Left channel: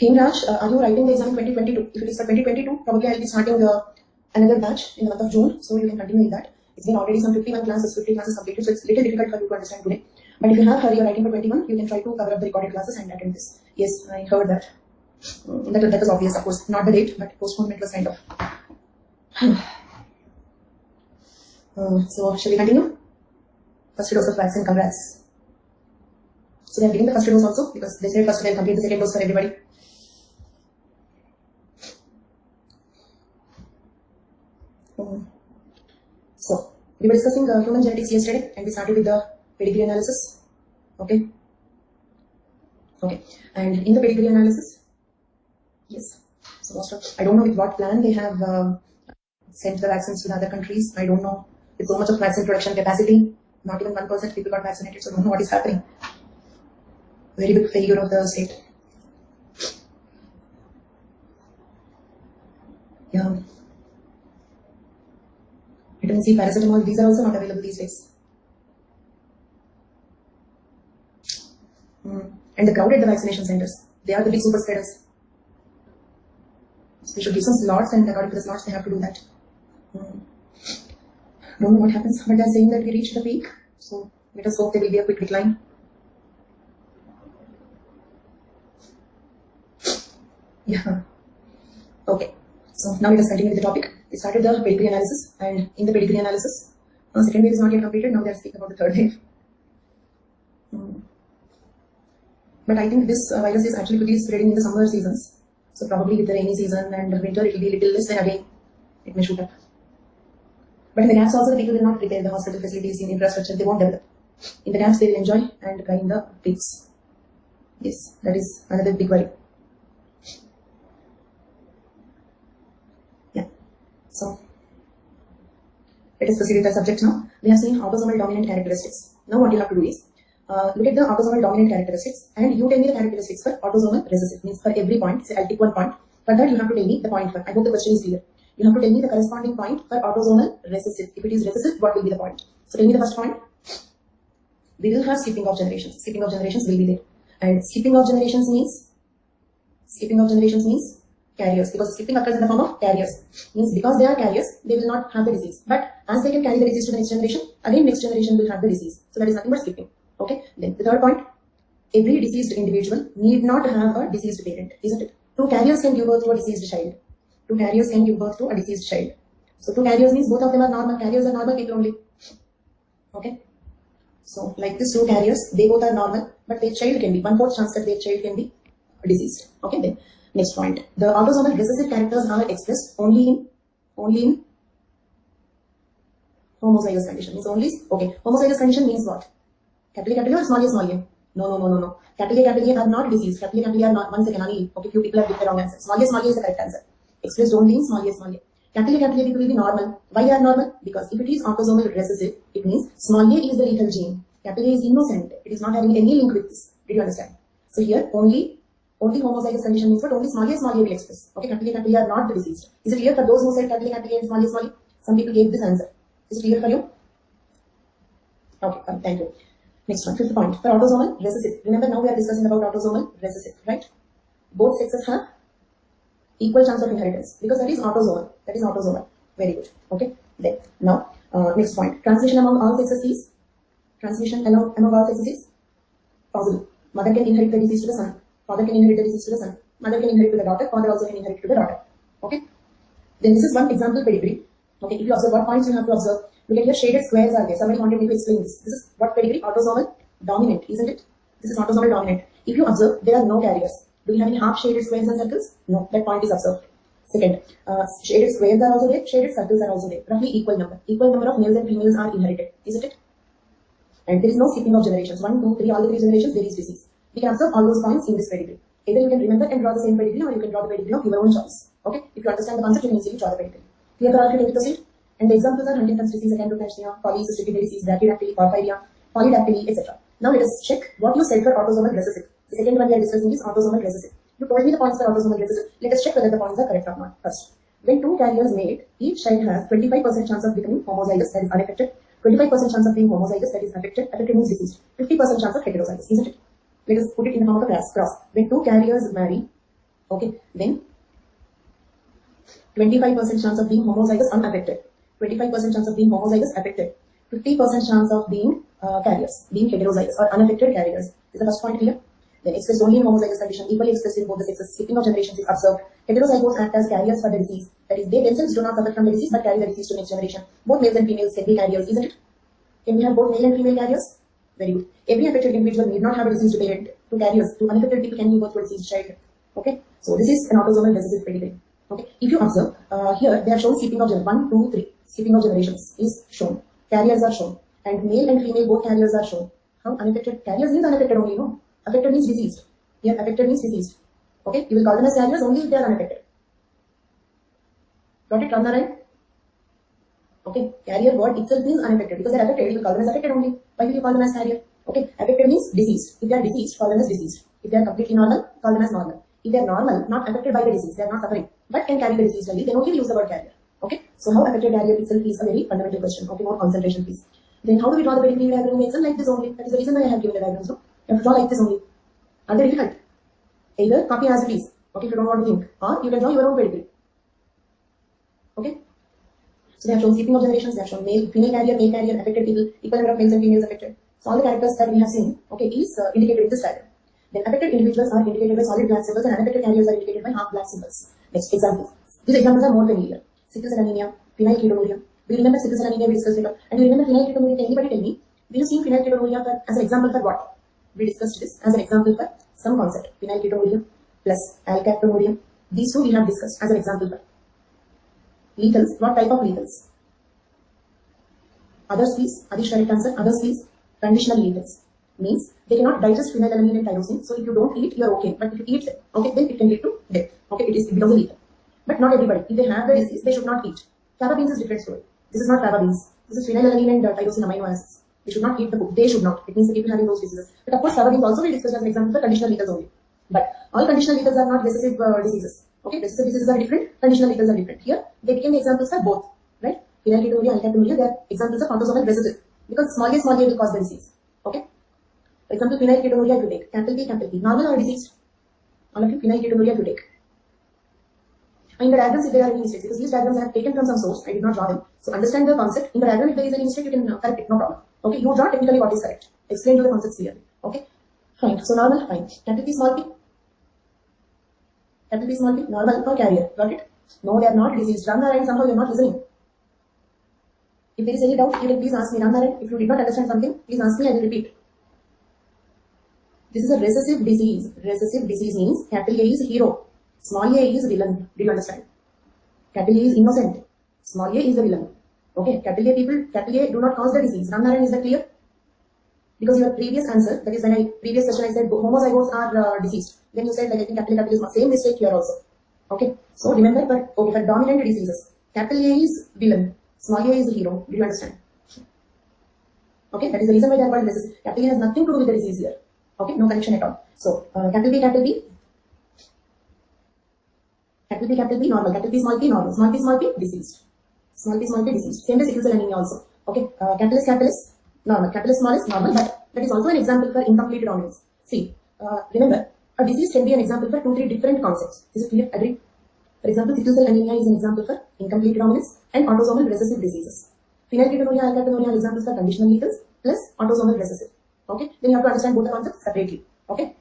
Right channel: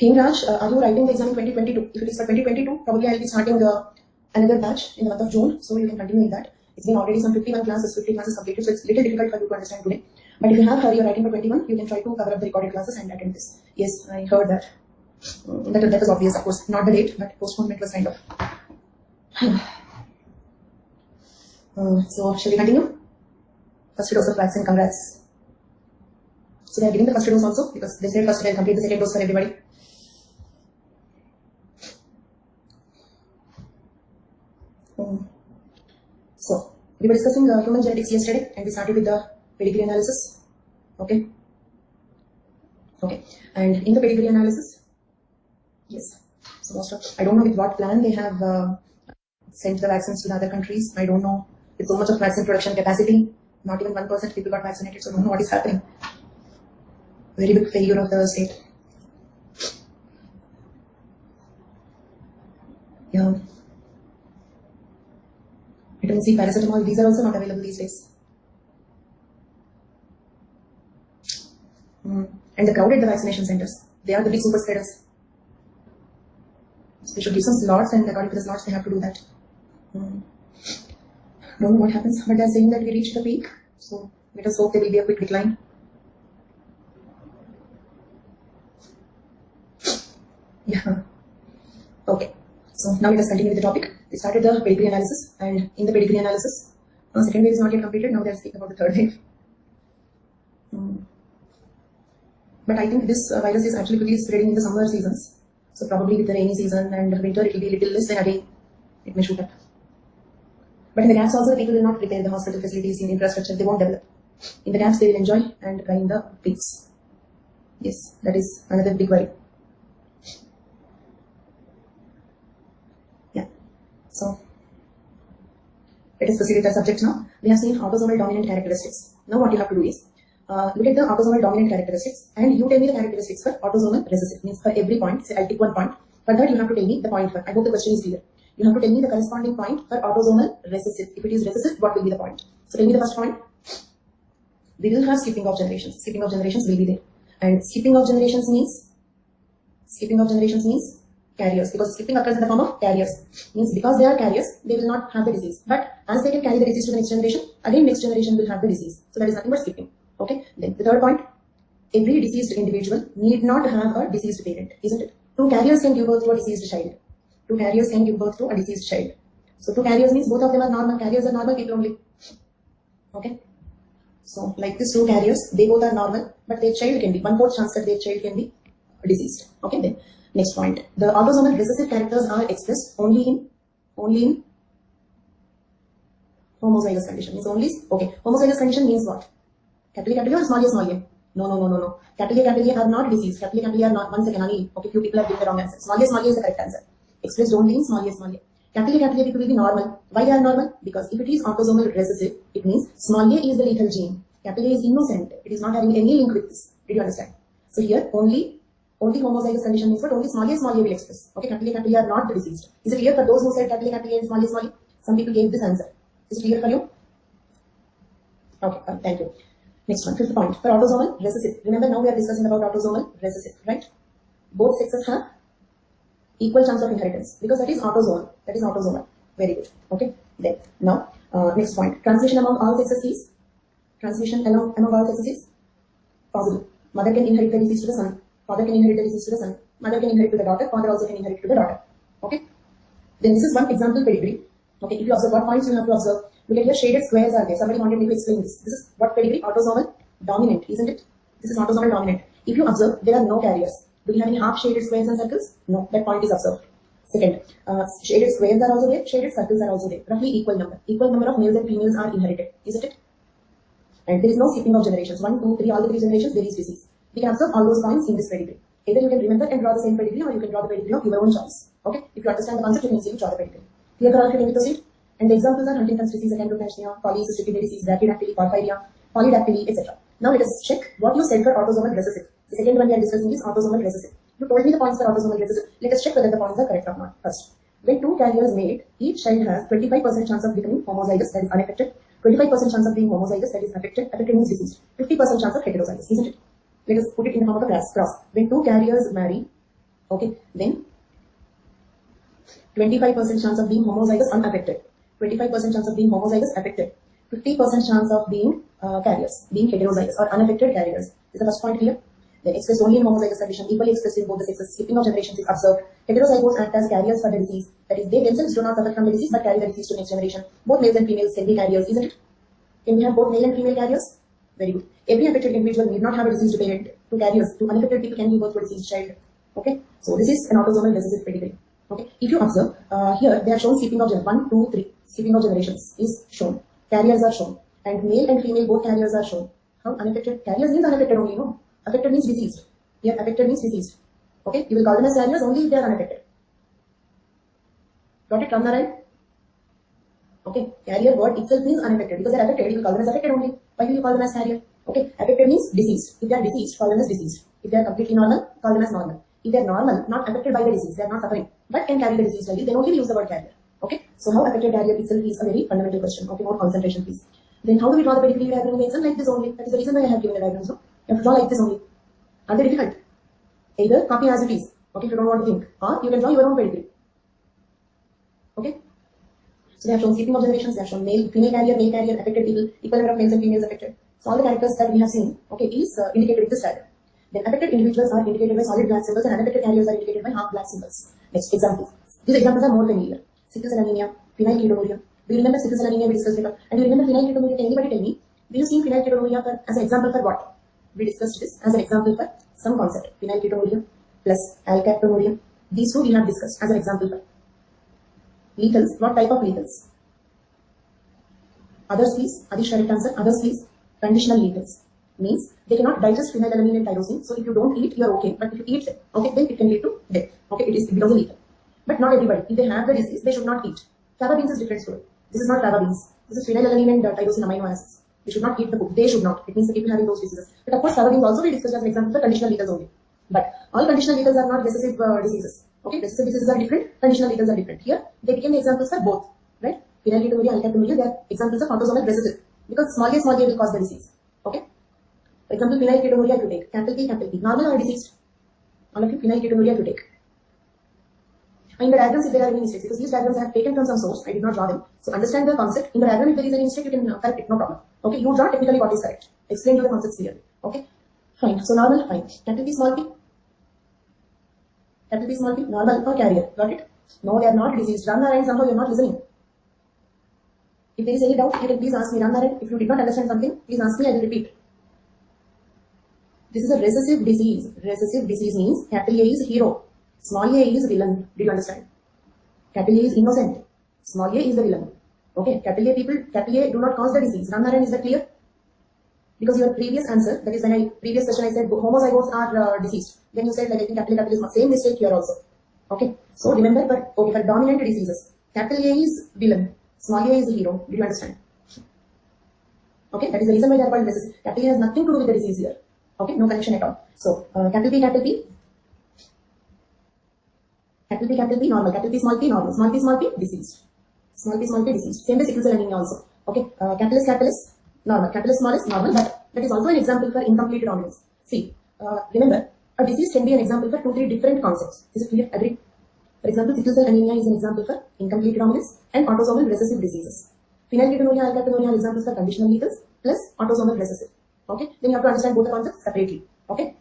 Hemraj, are you writing the exam in 2022? If it is for 2022, probably I'll be starting another batch in the month of June, so you can continue in that. It's been already some 51 classes, 50 classes completed, so it's a little difficult for you to understand today. But if you have you're writing for 21, you can try to cover up the recorded classes and attend this. Yes, I heard that. That was obvious, of course. Not the date, but postponement was kind of. So, shall we continue? First dose of vaccine, congrats. So they are giving the first dose also, because they said first they'll complete the second dose for everybody. So, we were discussing human genetics yesterday, and we started with the pedigree analysis. Okay. And in the pedigree analysis, yes. So most of, I don't know with what plan they have sent the vaccines to the other countries. I don't know. With so much of vaccine production capacity, not even 1% people got vaccinated. So I don't know what is happening. Very big failure of the state. Yeah. Vitamin C, paracetamol, these are also not available these days. And the crowded the vaccination centers. They are the big super spreaders. So they should give some slots, and according to the slots, they have to do that. Don't know what happens, but they're saying that we reached the peak. So let us hope there will be a quick decline. Yeah. Okay. So now let us continue with the topic. We started the pedigree analysis, and in the pedigree analysis, second wave is not yet completed. Now they are speaking about the third wave. But I think this virus is actually quickly spreading in the summer seasons. So probably with the rainy season and winter, it will be a little less, then again it may shoot up. But in the gaps also, the people will not prepare the hospital facilities in infrastructure. They won't develop. In the gaps, they will enjoy and cry in the peaks. Yes, that is another big worry. Yeah. So let us proceed with the subject now. We have seen autosomal dominant characteristics. Now what you have to do is look at the autosomal dominant characteristics, and you tell me the characteristics for autosomal recessive. Means for every point, say I'll pick one point. For that, you have to tell me the point for. I hope the question is clear. You have to tell me the corresponding point for autosomal recessive. If it is recessive, what will be the point? So tell me the first point. We will have skipping of generations. Skipping of generations will be there. And skipping of generations means carriers, because skipping occurs in the form of carriers. Means because they are carriers, they will not have the disease. But as they can carry the disease to the next generation, again next generation will have the disease. So that is nothing but skipping. Okay. Then the third point, every diseased individual need not have a diseased parent, isn't it? Two carriers can give birth to a diseased child. Two carriers can give birth to a diseased child. So two carriers means both of them are normal. Carriers are normal people only. Okay. So like this, two carriers, they both are normal, but their child can be 1/4 chance that their child can be diseased. Okay. Then next point, the autosomal recessive characters are expressed only in homozygous condition. Means only homozygous condition means what? Capital A or small a? No. Capital A are not diseased. Capital A are not. One second, Anil. Okay, few people have given the wrong answer. Small a is the correct answer. Expressed only in small a. Capital A people will be normal. Why they are normal? Because if it is autosomal recessive, it means small a is the lethal gene. Capital A is innocent. It is not having any link with this. Did you understand? So here only homozygous condition means what? Only small a will express. Okay, capital A are not the diseased. Is it clear for those who said capital A and small a? Some people gave this answer. Is it clear for you? Okay, fine. Thank you. Next one, fifth point, for autosomal recessive. Remember, now we are discussing about autosomal recessive, right? Both sexes have equal chance of inheritance because that is autosomal. Very good. Okay. Then now, next point, transmission among all sexes is possible. Mother can inherit the disease to the son. Father can inherit the disease to the son. Mother can inherit to the daughter. Father also can inherit to the daughter. Okay. Then this is one example pedigree. Okay. If you observe what points you have to observe. Look at here, shaded squares are there. Somebody wanted me to explain this. This is what pedigree? Autosomal dominant, isn't it? This is autosomal dominant. If you observe, there are no carriers. Do you have any half shaded squares and circles? No, that point is observed. Second, shaded squares are also there, shaded circles are also there. Roughly equal number. Equal number of males and females are inherited, isn't it? And there is no skipping of generations. 1, 2, 3, all the 3 generations, there is disease. We can observe all those points in this pedigree. Either you can remember and draw the same pedigree, or you can draw the pedigree of your own choice. Okay? If you understand the concept, you can easily draw the pedigree. Clear for all of you? Can we proceed? And the examples are Huntington's disease, acanthocytoma, polycystic kidney disease, brachydactyly, porphyria, polydactyly, etc. Now let us check what you said for autosomal recessive. The second one we are discussing is autosomal recessive. You told me the points for autosomal recessive. Let us check whether the points are correct or not first. When two carriers mate, each child has 25% chance of becoming homozygous, that is unaffected. 25% chance of being homozygous, that is affected. Affected means diseased. 50% chance of heterozygous, isn't it? Let us put it in the form of a cross. When two carriers marry, Okay, then 25% chance of being homozygous unaffected, 25% chance of being homozygous affected, 50% chance of being carriers, being heterozygous or unaffected carriers. Is the first point clear? Then expressed only in homozygous condition, equally expressed in both the sexes. Skipping of generations is observed. Heterozygotes act as carriers for the disease. That is, they themselves do not suffer from the disease but carry the disease to next generation. Both males and females can be carriers, isn't it? Can we have both male and female carriers? Very good. Every affected individual need not have a diseased parent. To carriers, to unaffected people can give birth to a diseased child. Okay, so this is an autosomal recessive pedigree. Okay, if you observe here, they have shown skipping of 1, 2, 3. Skipping of generations is shown. Carriers are shown, and male and female both carriers are shown. How unaffected? Carriers means unaffected only, no? Affected means diseased. Here, affected means diseased. Okay, you will call them as carriers only if they are unaffected. Got it, Ramnaran? Okay, carrier word itself means unaffected because they are affected. You will call them as affected only. Why will you call them as carrier? Okay, affected means diseased. If they are diseased, call them as diseased. If they are completely normal, call them as normal. If they are normal, not affected by the disease, they are not suffering, but can carry the disease daily, then only we use the word carrier. Okay, so how affected carrier itself is a very fundamental question. Okay, more concentration please. Then how do we draw the pedigree diagram? Like this only. That is the reason why I have given the diagrams. No? You have to draw like this only. Are they difficult? Either copy as it is, okay, if you don't want to think, or you can draw your own pedigree. Okay. So they have shown skipping of generations, they have shown male, female carrier, affected people, equal number of males and females affected. So all the characters that we have seen, okay, is indicated in this diagram. Then affected individuals are indicated by solid black symbols and unaffected carriers are indicated by half black symbols. Next examples. These examples are more familiar. Sickle cell anemia, phenylketonuria. Do you remember sickle cell anemia we discussed later? And do you remember phenylketonuria? Can anybody tell me? Do you see phenylketonuria as an example for what? We discussed this as an example for some concept. Phenylketonuria plus alkaptonuria. These two we have discussed as an example for. Lethals. What type of lethals? Others please. Adish correct answer. Others please. Conditional lethals. Means they cannot digest phenylalanine and tyrosine. So if you don't eat, you are okay. But if you eat, okay, then it can lead to death. Okay, it becomes a lethal. But not everybody. If they have the disease, they should not eat. Fava beans is different story. This is not fava beans. This is phenylalanine and tyrosine amino acids. We should not eat the food. They should not. It means the people having those diseases. But of course, fava beans also we discussed as an example for conditional lethals only. But all conditional lethals are not recessive diseases. Okay, recessive diseases are different. Conditional lethals are different. Here, they became the examples for both. Right? Phenylketonuria, alkaptonuria, they are examples of autosomal recessive because small a will cause the disease. Okay. For example, phenylketonuria if you take, capital P, normal or diseased? All of you, phenylketonuria if you take. In the diagrams, if there are any mistakes, because these diagrams I have taken from some source, I did not draw them. So understand the concept. In the diagram, if there is any mistake, you can correct it, no problem. Okay, you draw technically what is correct. Explain to the concepts clearly. Okay, fine. So normal, fine. Capital P, small p. Capital P, small p, normal or carrier. Got it? No, they are not diseased. Ramnaran, somehow you are not listening. If there is any doubt, you can please ask me. Ramnaran, if you did not understand something, please ask me, I will repeat. This is a recessive disease. Recessive disease means capital A is hero, small a is villain. Do you understand? Capital A is innocent, small a is the villain. Okay, capital A people, capital A do not cause the disease. Ramnaran, is that clear? Because your previous answer, that is when previous question I said homozygotes are diseased. Then you said like I think capital is same mistake here also. Okay, so remember for dominant diseases, capital A is villain, small a is hero. Do you understand? Okay, that is the reason why they are called recessive. Capital A has nothing to do with the disease here. Okay, no connection at all. So capital B, capital B, normal, capital P, normal, small p, diseased. Small p, diseased. Same with sickle cell anemia also. Okay, capital S, normal, capital S, small is normal, but that is also an example for incomplete dominance. See, remember, a disease can be an example for 2-3 different concepts. Is it clear? Agree? For example, sickle cell anemia is an example for incomplete dominance and autosomal recessive diseases. Phenylketonuria, alkaptonuria are examples for conditional lethals plus autosomal recessive. Okay, then you have to understand both the concepts separately. Okay,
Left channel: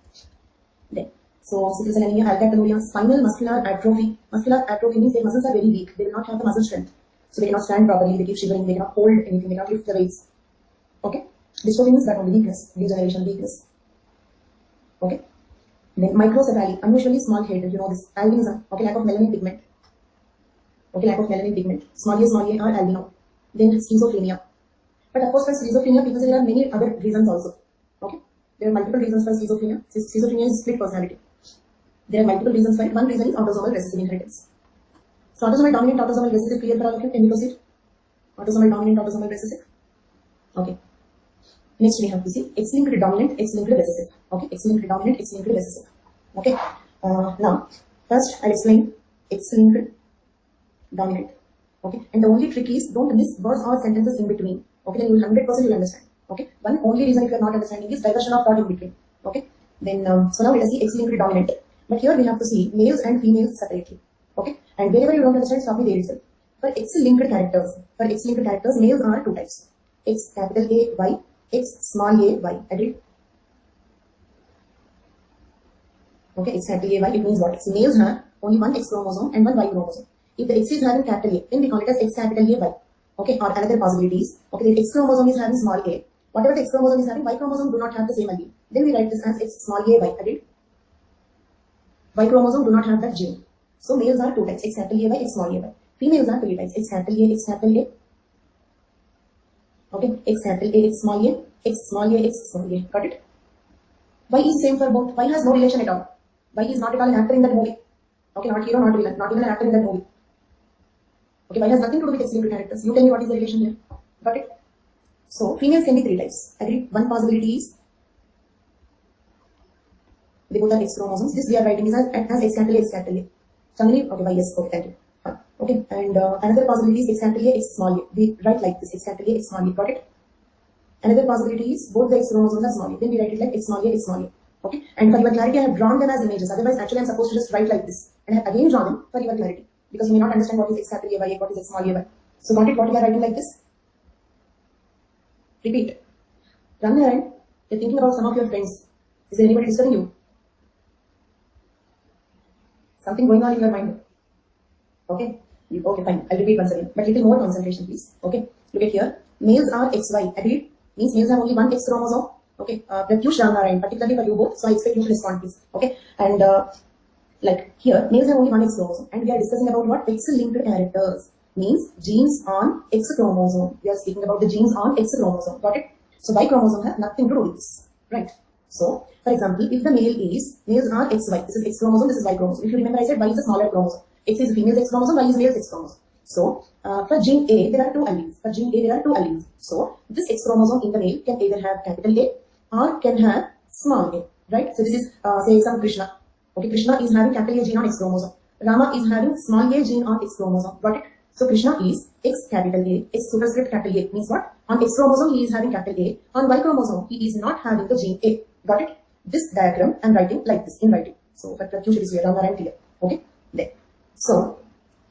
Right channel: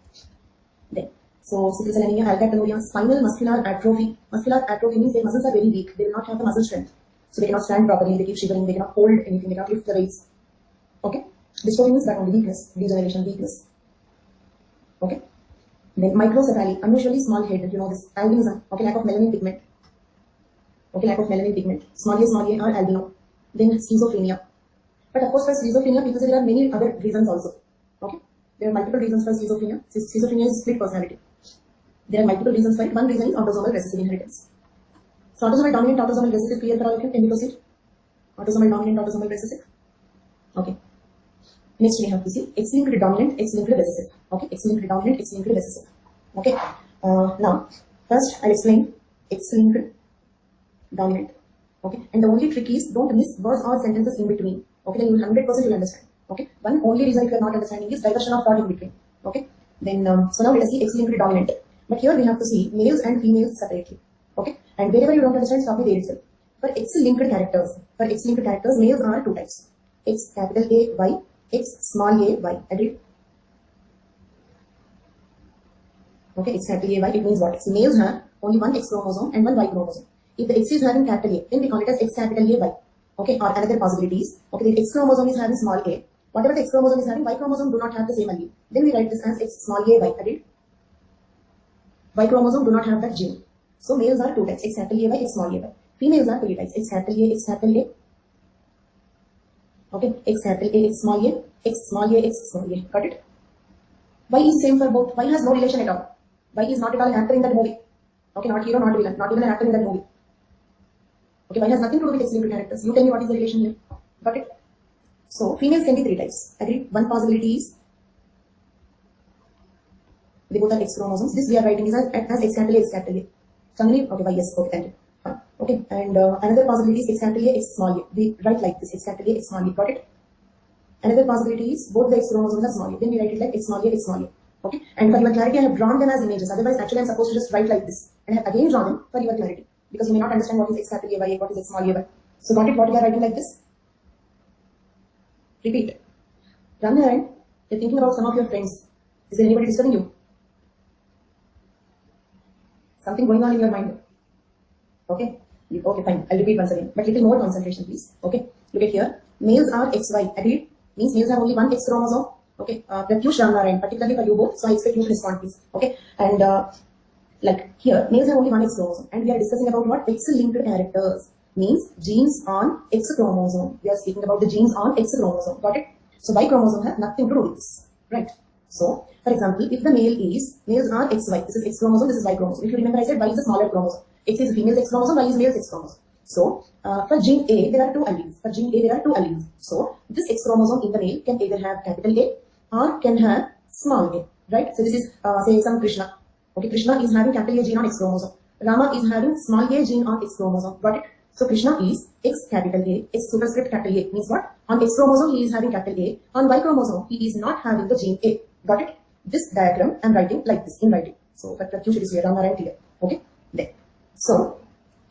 then so sickle cell anemia, alkaptonuria, spinal muscular atrophy. Muscular atrophy means their muscles are very weak. They will not have the muscle strength, so they cannot stand properly. They keep shivering. They cannot hold anything. They cannot lift the weights. Okay, dystrophy means that only weakness, degeneration, weakness. Okay, then microcephaly, unusually small head. You know this albinism. Okay, lack of melanin pigment. Okay, lack of melanin pigment. Small a or albino. Then schizophrenia. But of course, for schizophrenia, because there are many other reasons also. Okay, there are multiple reasons for schizophrenia. Schizophrenia is split personality. There are multiple reasons for it. One reason is autosomal recessive inheritance. So autosomal dominant, autosomal recessive, clear for all of you? Can you proceed? Autosomal dominant, autosomal recessive. Okay. Next we have to see X-linked dominant, X-linked recessive. Okay, X-linked dominant, X-linked recessive. Okay. Now, first I'll explain X-linked dominant. Okay, and the only trick is don't miss words or sentences in between. Okay, then you will 100% you will understand. Okay, one only reason if you are not understanding is diversion of thought in between. Okay, then so now let us see X-linked dominant. But here we have to see males and females separately. Okay, and wherever you don't understand, stop me there itself. For X-linked characters, males are two types: X capital A Y, X small a y. Agreed? Okay, X capital A Y. It means what? So males have only one X chromosome and one Y chromosome. If the X is having capital A, then we call it as X capital A Y. Okay, or another possibilities. Okay, the X chromosome is having small a. Whatever the X chromosome is having, Y chromosome do not have the same allele. Then we write this as X small a y. Agreed? Y chromosome do not have that gene. So males are two types: X capital A Y, X small a y. Females are three types: X capital A, X capital A. Okay, X capital A, X small a, X small a, X small a. Got it? Y is same for both. Y has no relation at all. Y is not at all an actor in that movie. Okay, not hero, not villain, not even an actor in that movie. Okay, Y has nothing to do with X-linked characters. You tell me what is the relation here. Got it? So females can be three types. Agreed? One possibility is they both have X chromosomes. This we are writing is as X capital A, X capital A. Somebody, okay, Y, yes, okay, thank you. Fine. Okay, and another possibility is X capital A, X small a. We write like this: X capital A, X small a. Got it? Another possibility is both the X chromosomes are small a. Then we write it like X small a, X small a. Okay, and for your clarity, I have drawn them as images. Otherwise, actually, I'm supposed to just write like this, and I have again drawn them for your clarity, because you may not understand what is X capital A, Y, what is X small a, Y. So, got it? What we are writing like this? Repeat. Run around. You're thinking about some of your friends. Is there anybody disturbing you? Something going on in your mind. Okay. Okay, fine. I'll repeat once again. But little more concentration, please. Okay. Look at here. Males are XY. Agreed? Means males have only one X chromosome. Okay. Pratyush Ramnarayan, particularly for you both. So I expect you to respond, please. Okay. And like here, males have only one X chromosome. And we are discussing about what? X-linked characters. Means genes on X chromosome. We are speaking about the genes on X chromosome. Got it? So Y chromosome has nothing to do with this. Right. So, for example, if the males are XY, this is X chromosome, this is Y chromosome. If you remember, I said Y is a smaller chromosome. X is female's X chromosome, Y is male's X chromosome. So, for gene A, there are two alleles. So, this X chromosome in the male can either have capital A or can have small a. Right? So, this is, say, some Krishna. Okay, Krishna is having capital A gene on X chromosome. Rama is having small a gene on X chromosome. Got it? So, Krishna is X capital A, X superscript capital A. Means what? On X chromosome, he is having capital A. On Y chromosome, he is not having the gene A. Got it? This diagram I'm writing like this in writing. So for Pratyush it is here, Rama right here. Okay, there. So,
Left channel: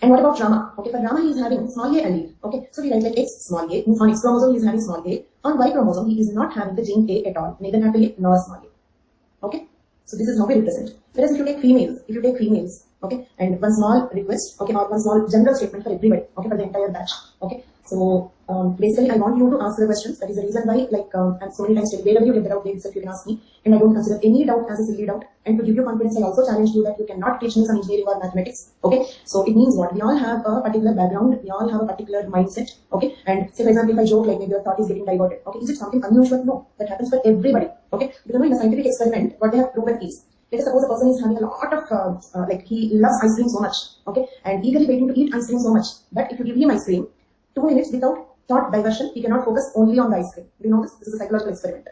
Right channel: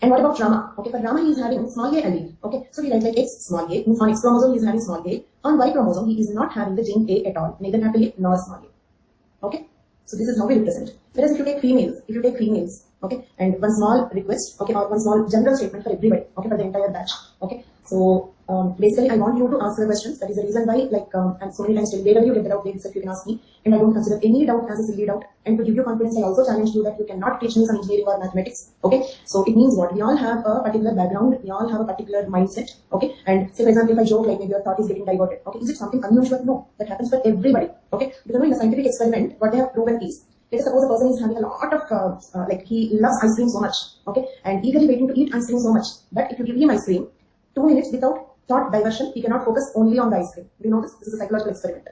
and what about Rama? Okay, for Rama he is having small a allele. Okay, so we write like X small a. On X chromosome he is having small a. On Y chromosome he is not having the gene A at all, neither capital A nor small a. Okay, so this is how we represent. Whereas if you take females, okay, and one small request, okay, or one small general statement for everybody, okay, for the entire batch. Okay, so basically I want you to answer the questions. That is the reason why, like, I'm so many times telling wherever you get the doubt, there itself you can ask me, and I don't consider any doubt as a silly doubt. And to give you confidence, I also challenge you that you cannot teach me some engineering or mathematics. Okay, so it means what? We all have a particular background, we all have a particular mindset. Okay, and say for example, if I joke like maybe your thought is getting diverted. Okay, is it something unusual? No, that happens for everybody. Okay, because in a scientific experiment, what they have proven is, let us suppose a person is having a lot of like he loves ice cream so much, okay, and eagerly waiting to eat ice cream so much. But if you give him ice cream, 2 minutes without thought diversion, he cannot focus only on the ice cream. Do you know this? This is a psychological experiment.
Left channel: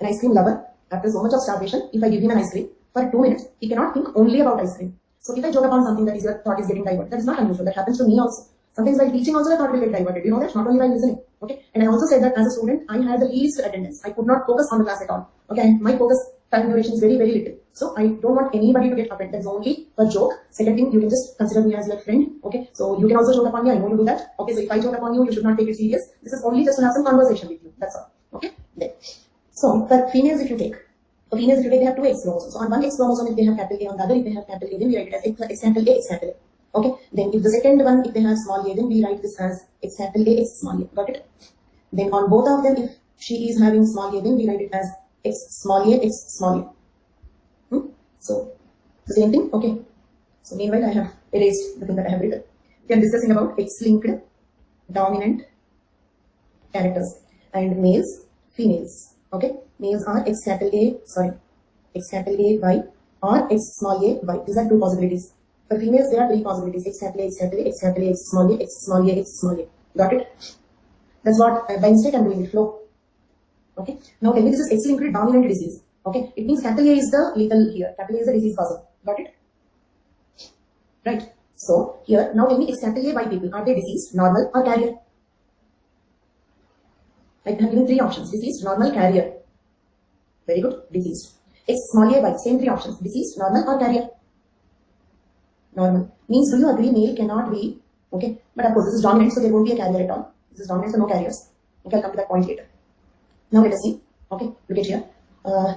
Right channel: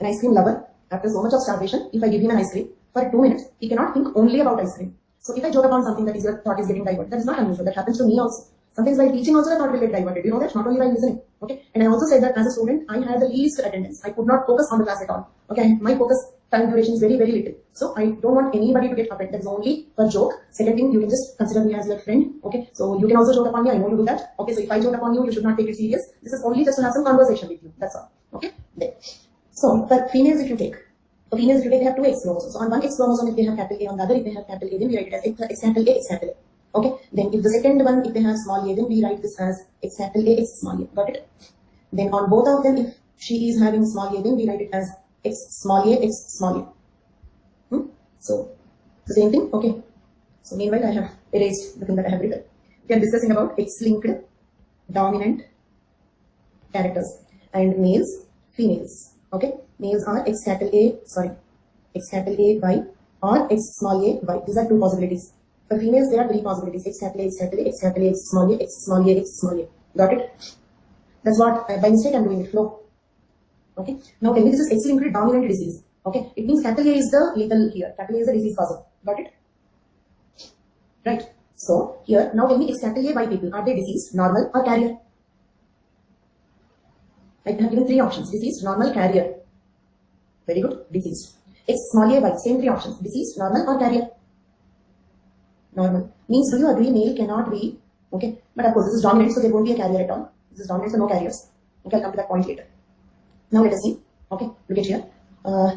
An ice cream lover, after so much of starvation, if I give him an ice cream, for 2 minutes, he cannot think only about ice cream. So if I joke upon something that is your thought is getting diverted, that is not unusual. That happens to me also. Sometimes while teaching also the thought will get diverted. You know that? Not only while listening. Okay. And I also said that as a student, I had the least attendance. I could not focus on the class at all. Okay. And my focus time duration is very, very little. So I don't want anybody to get offended. That's only a joke. Second thing, you can just consider me as your friend. Okay. So you can also joke upon me. I know you do that. Okay. So if I joke upon you, you should not take it serious. This is only just to have some conversation with you. That's all. Okay. There. So for females, if you take, they have two X chromosomes. So on one X chromosome, if they have capital A, on the other, if they have capital A, then we write it as X capital A, X capital A. Okay. Then if the second one, if they have small a, then we write this as X capital A, X small a. Got it? Then on both of them, if she is having small a, then we write it as X small a, X small a. So the same thing. Okay. So meanwhile, I have erased the thing that I have written. We are discussing about X-linked dominant characters and males, females. Okay. Males are X capital A Y or X small a Y. These are two possibilities. For females, there are three possibilities: X capital A, X capital A, X capital A, X small a, X small a, X small a. Got it? That's what by mistake I'm doing it. Flow. Okay. Now tell me, this is X-linked dominant disease. Okay. It means capital A is the lethal here. Capital A is the disease causer. Got it? Right. So here now tell me, X capital A Y people, are they diseased, normal, or carrier? I have given three options: diseased, normal, carrier. Very good. Diseased. X small a y, same three options. Deceased, normal or carrier? Normal. Means, do you agree male cannot be, okay? But of course, this is dominant, so there won't be a carrier at all. This is dominant, so no carriers. Okay, I'll come to that point later. Now let us see. Okay, look at here.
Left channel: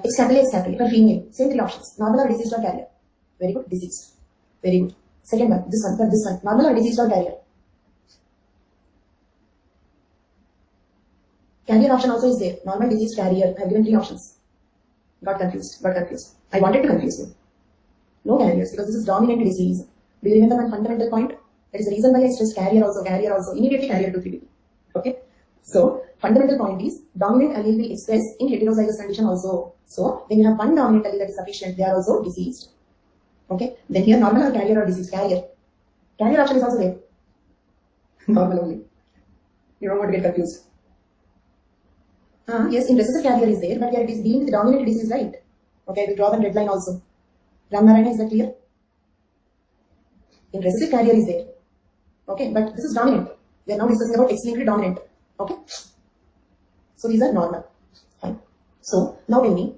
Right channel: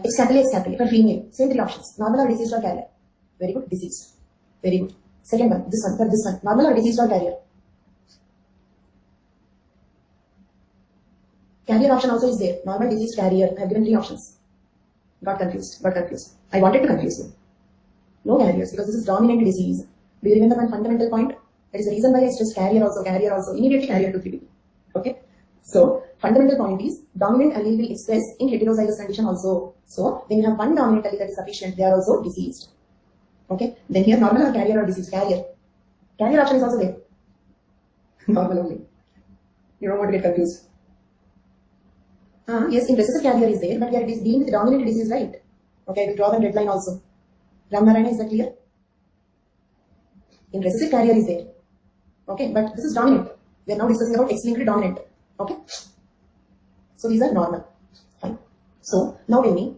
X capital for female, same three options. Normal or deceased or carrier? Very good, deceased. Very good. Second one, this one, for this one. Normal or deceased or carrier? Carrier option also is there. Normal, diseased, carrier. I have given three options. Got confused. I wanted to confuse you. No carriers, because this is dominant disease. Do you remember one fundamental point? That is the reason why I stressed carrier also. Immediately carrier to 3B. Okay? So, fundamental point is, dominant allele will express in heterozygous condition also. So, when you have one dominant allele that is sufficient, they are also diseased. Okay? Then here, normal or carrier or diseased? Carrier. Carrier option is also there. Normal only. You don't want to get confused. Yes, in recessive carrier is there, but we are dealing with the dominant disease, right? Okay, I will draw one red line also. Ramnarayana, is that clear? In recessive carrier is there. Okay, but this is dominant. We are now discussing about X-linked dominant. Okay? So these are normal. Fine. So now tell me,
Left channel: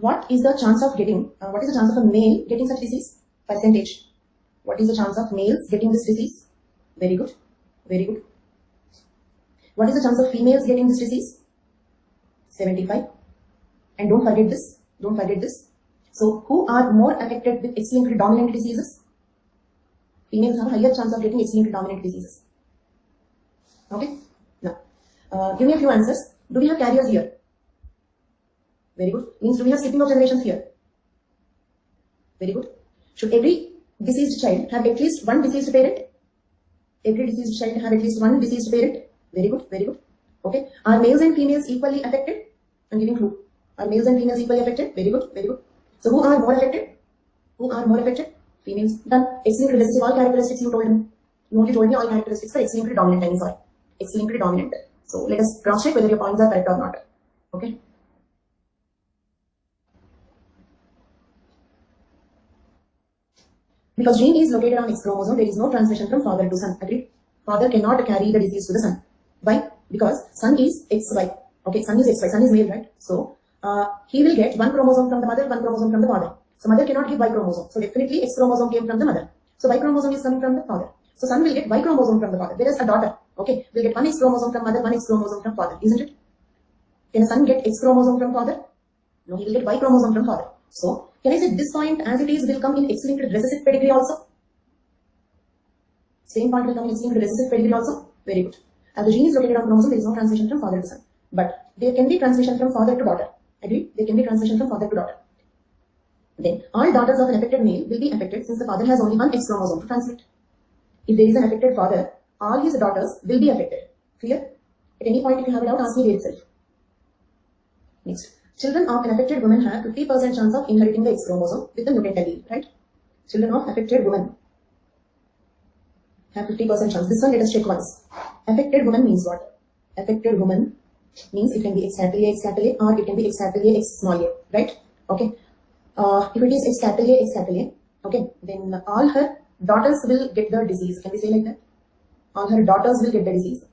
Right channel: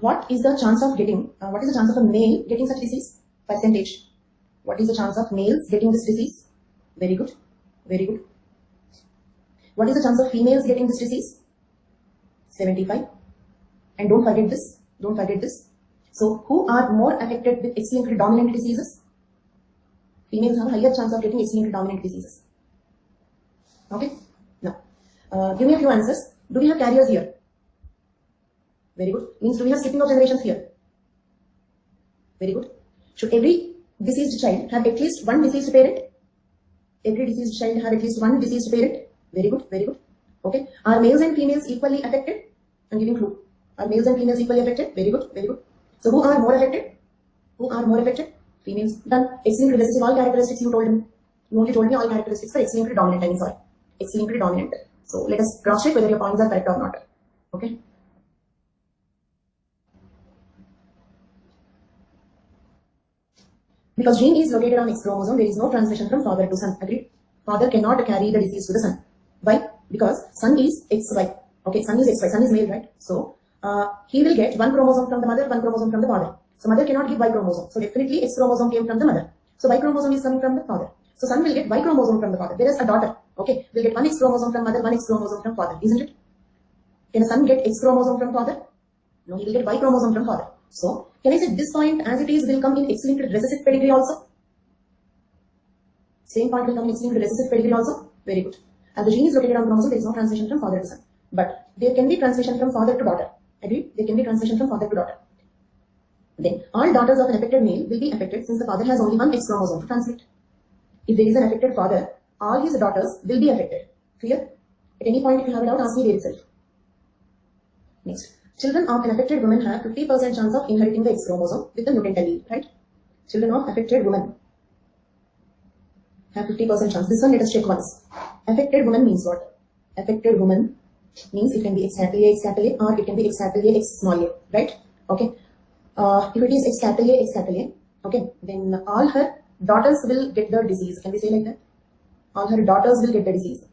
what is the chance of a male getting such disease? Percentage. What is the chance of males getting this disease? Very good. Very good. What is the chance of females getting this disease? 75. And don't forget this. So, who are more affected with X-linked dominant diseases? Females have a higher chance of getting X-linked dominant diseases. Okay? Now, give me a few answers. Do we have carriers here? Very good. Means, do we have skipping of generations here? Very good. Should every deceased child have at least one deceased parent? Every deceased child have at least one deceased parent? Very good. Okay. Are males and females equally affected? I'm giving clue. Are males and females equally affected? Very good. So who are more affected? Females. Done. X-linked recessive, all characteristics you told me. You only told me all characteristics for X-linked dominant, I mean sorry. X-linked dominant. So let us cross check whether your points are correct or not. Okay. Because gene is located on X chromosome, there is no transmission from father to son. Agreed? Father cannot carry the disease to the son. Why? Because son is XY. Okay, son is XY, son is male, right? So, he will get one chromosome from the mother, one chromosome from the father. So, mother cannot give Y chromosome. So, definitely X chromosome came from the mother. So, Y chromosome is coming from the father. So, son will get Y chromosome from the father. Whereas a daughter, okay, will get one X chromosome from mother, one X chromosome from father. Isn't it? Can a son get X chromosome from father? No, he will get Y chromosome from father. So, can I say this point as it is will come in X-linked recessive pedigree also? Same point will come in X-linked recessive pedigree also? Very good. As the gene is located on chromosome, there is no transmission from father to son. But there can be transmission from father to daughter. Agreed? There can be transmission from father to daughter. Then, all daughters of an affected male will be affected since the father has only one X chromosome to transmit. If there is an affected father, all his daughters will be affected. Clear? At any point, if you have a doubt, ask me there itself. Next. Children of an affected woman have 50% chance of inheriting the X chromosome with the mutant allele, right? Children of affected women have 50% chance. This one, let us check once. Affected woman means what? Affected woman means it can be X capital A, or it can be X capital A, X small a, right? Okay. If it is X capital A, okay, then all her daughters will get the disease. Can we say like that? All her daughters will get the disease.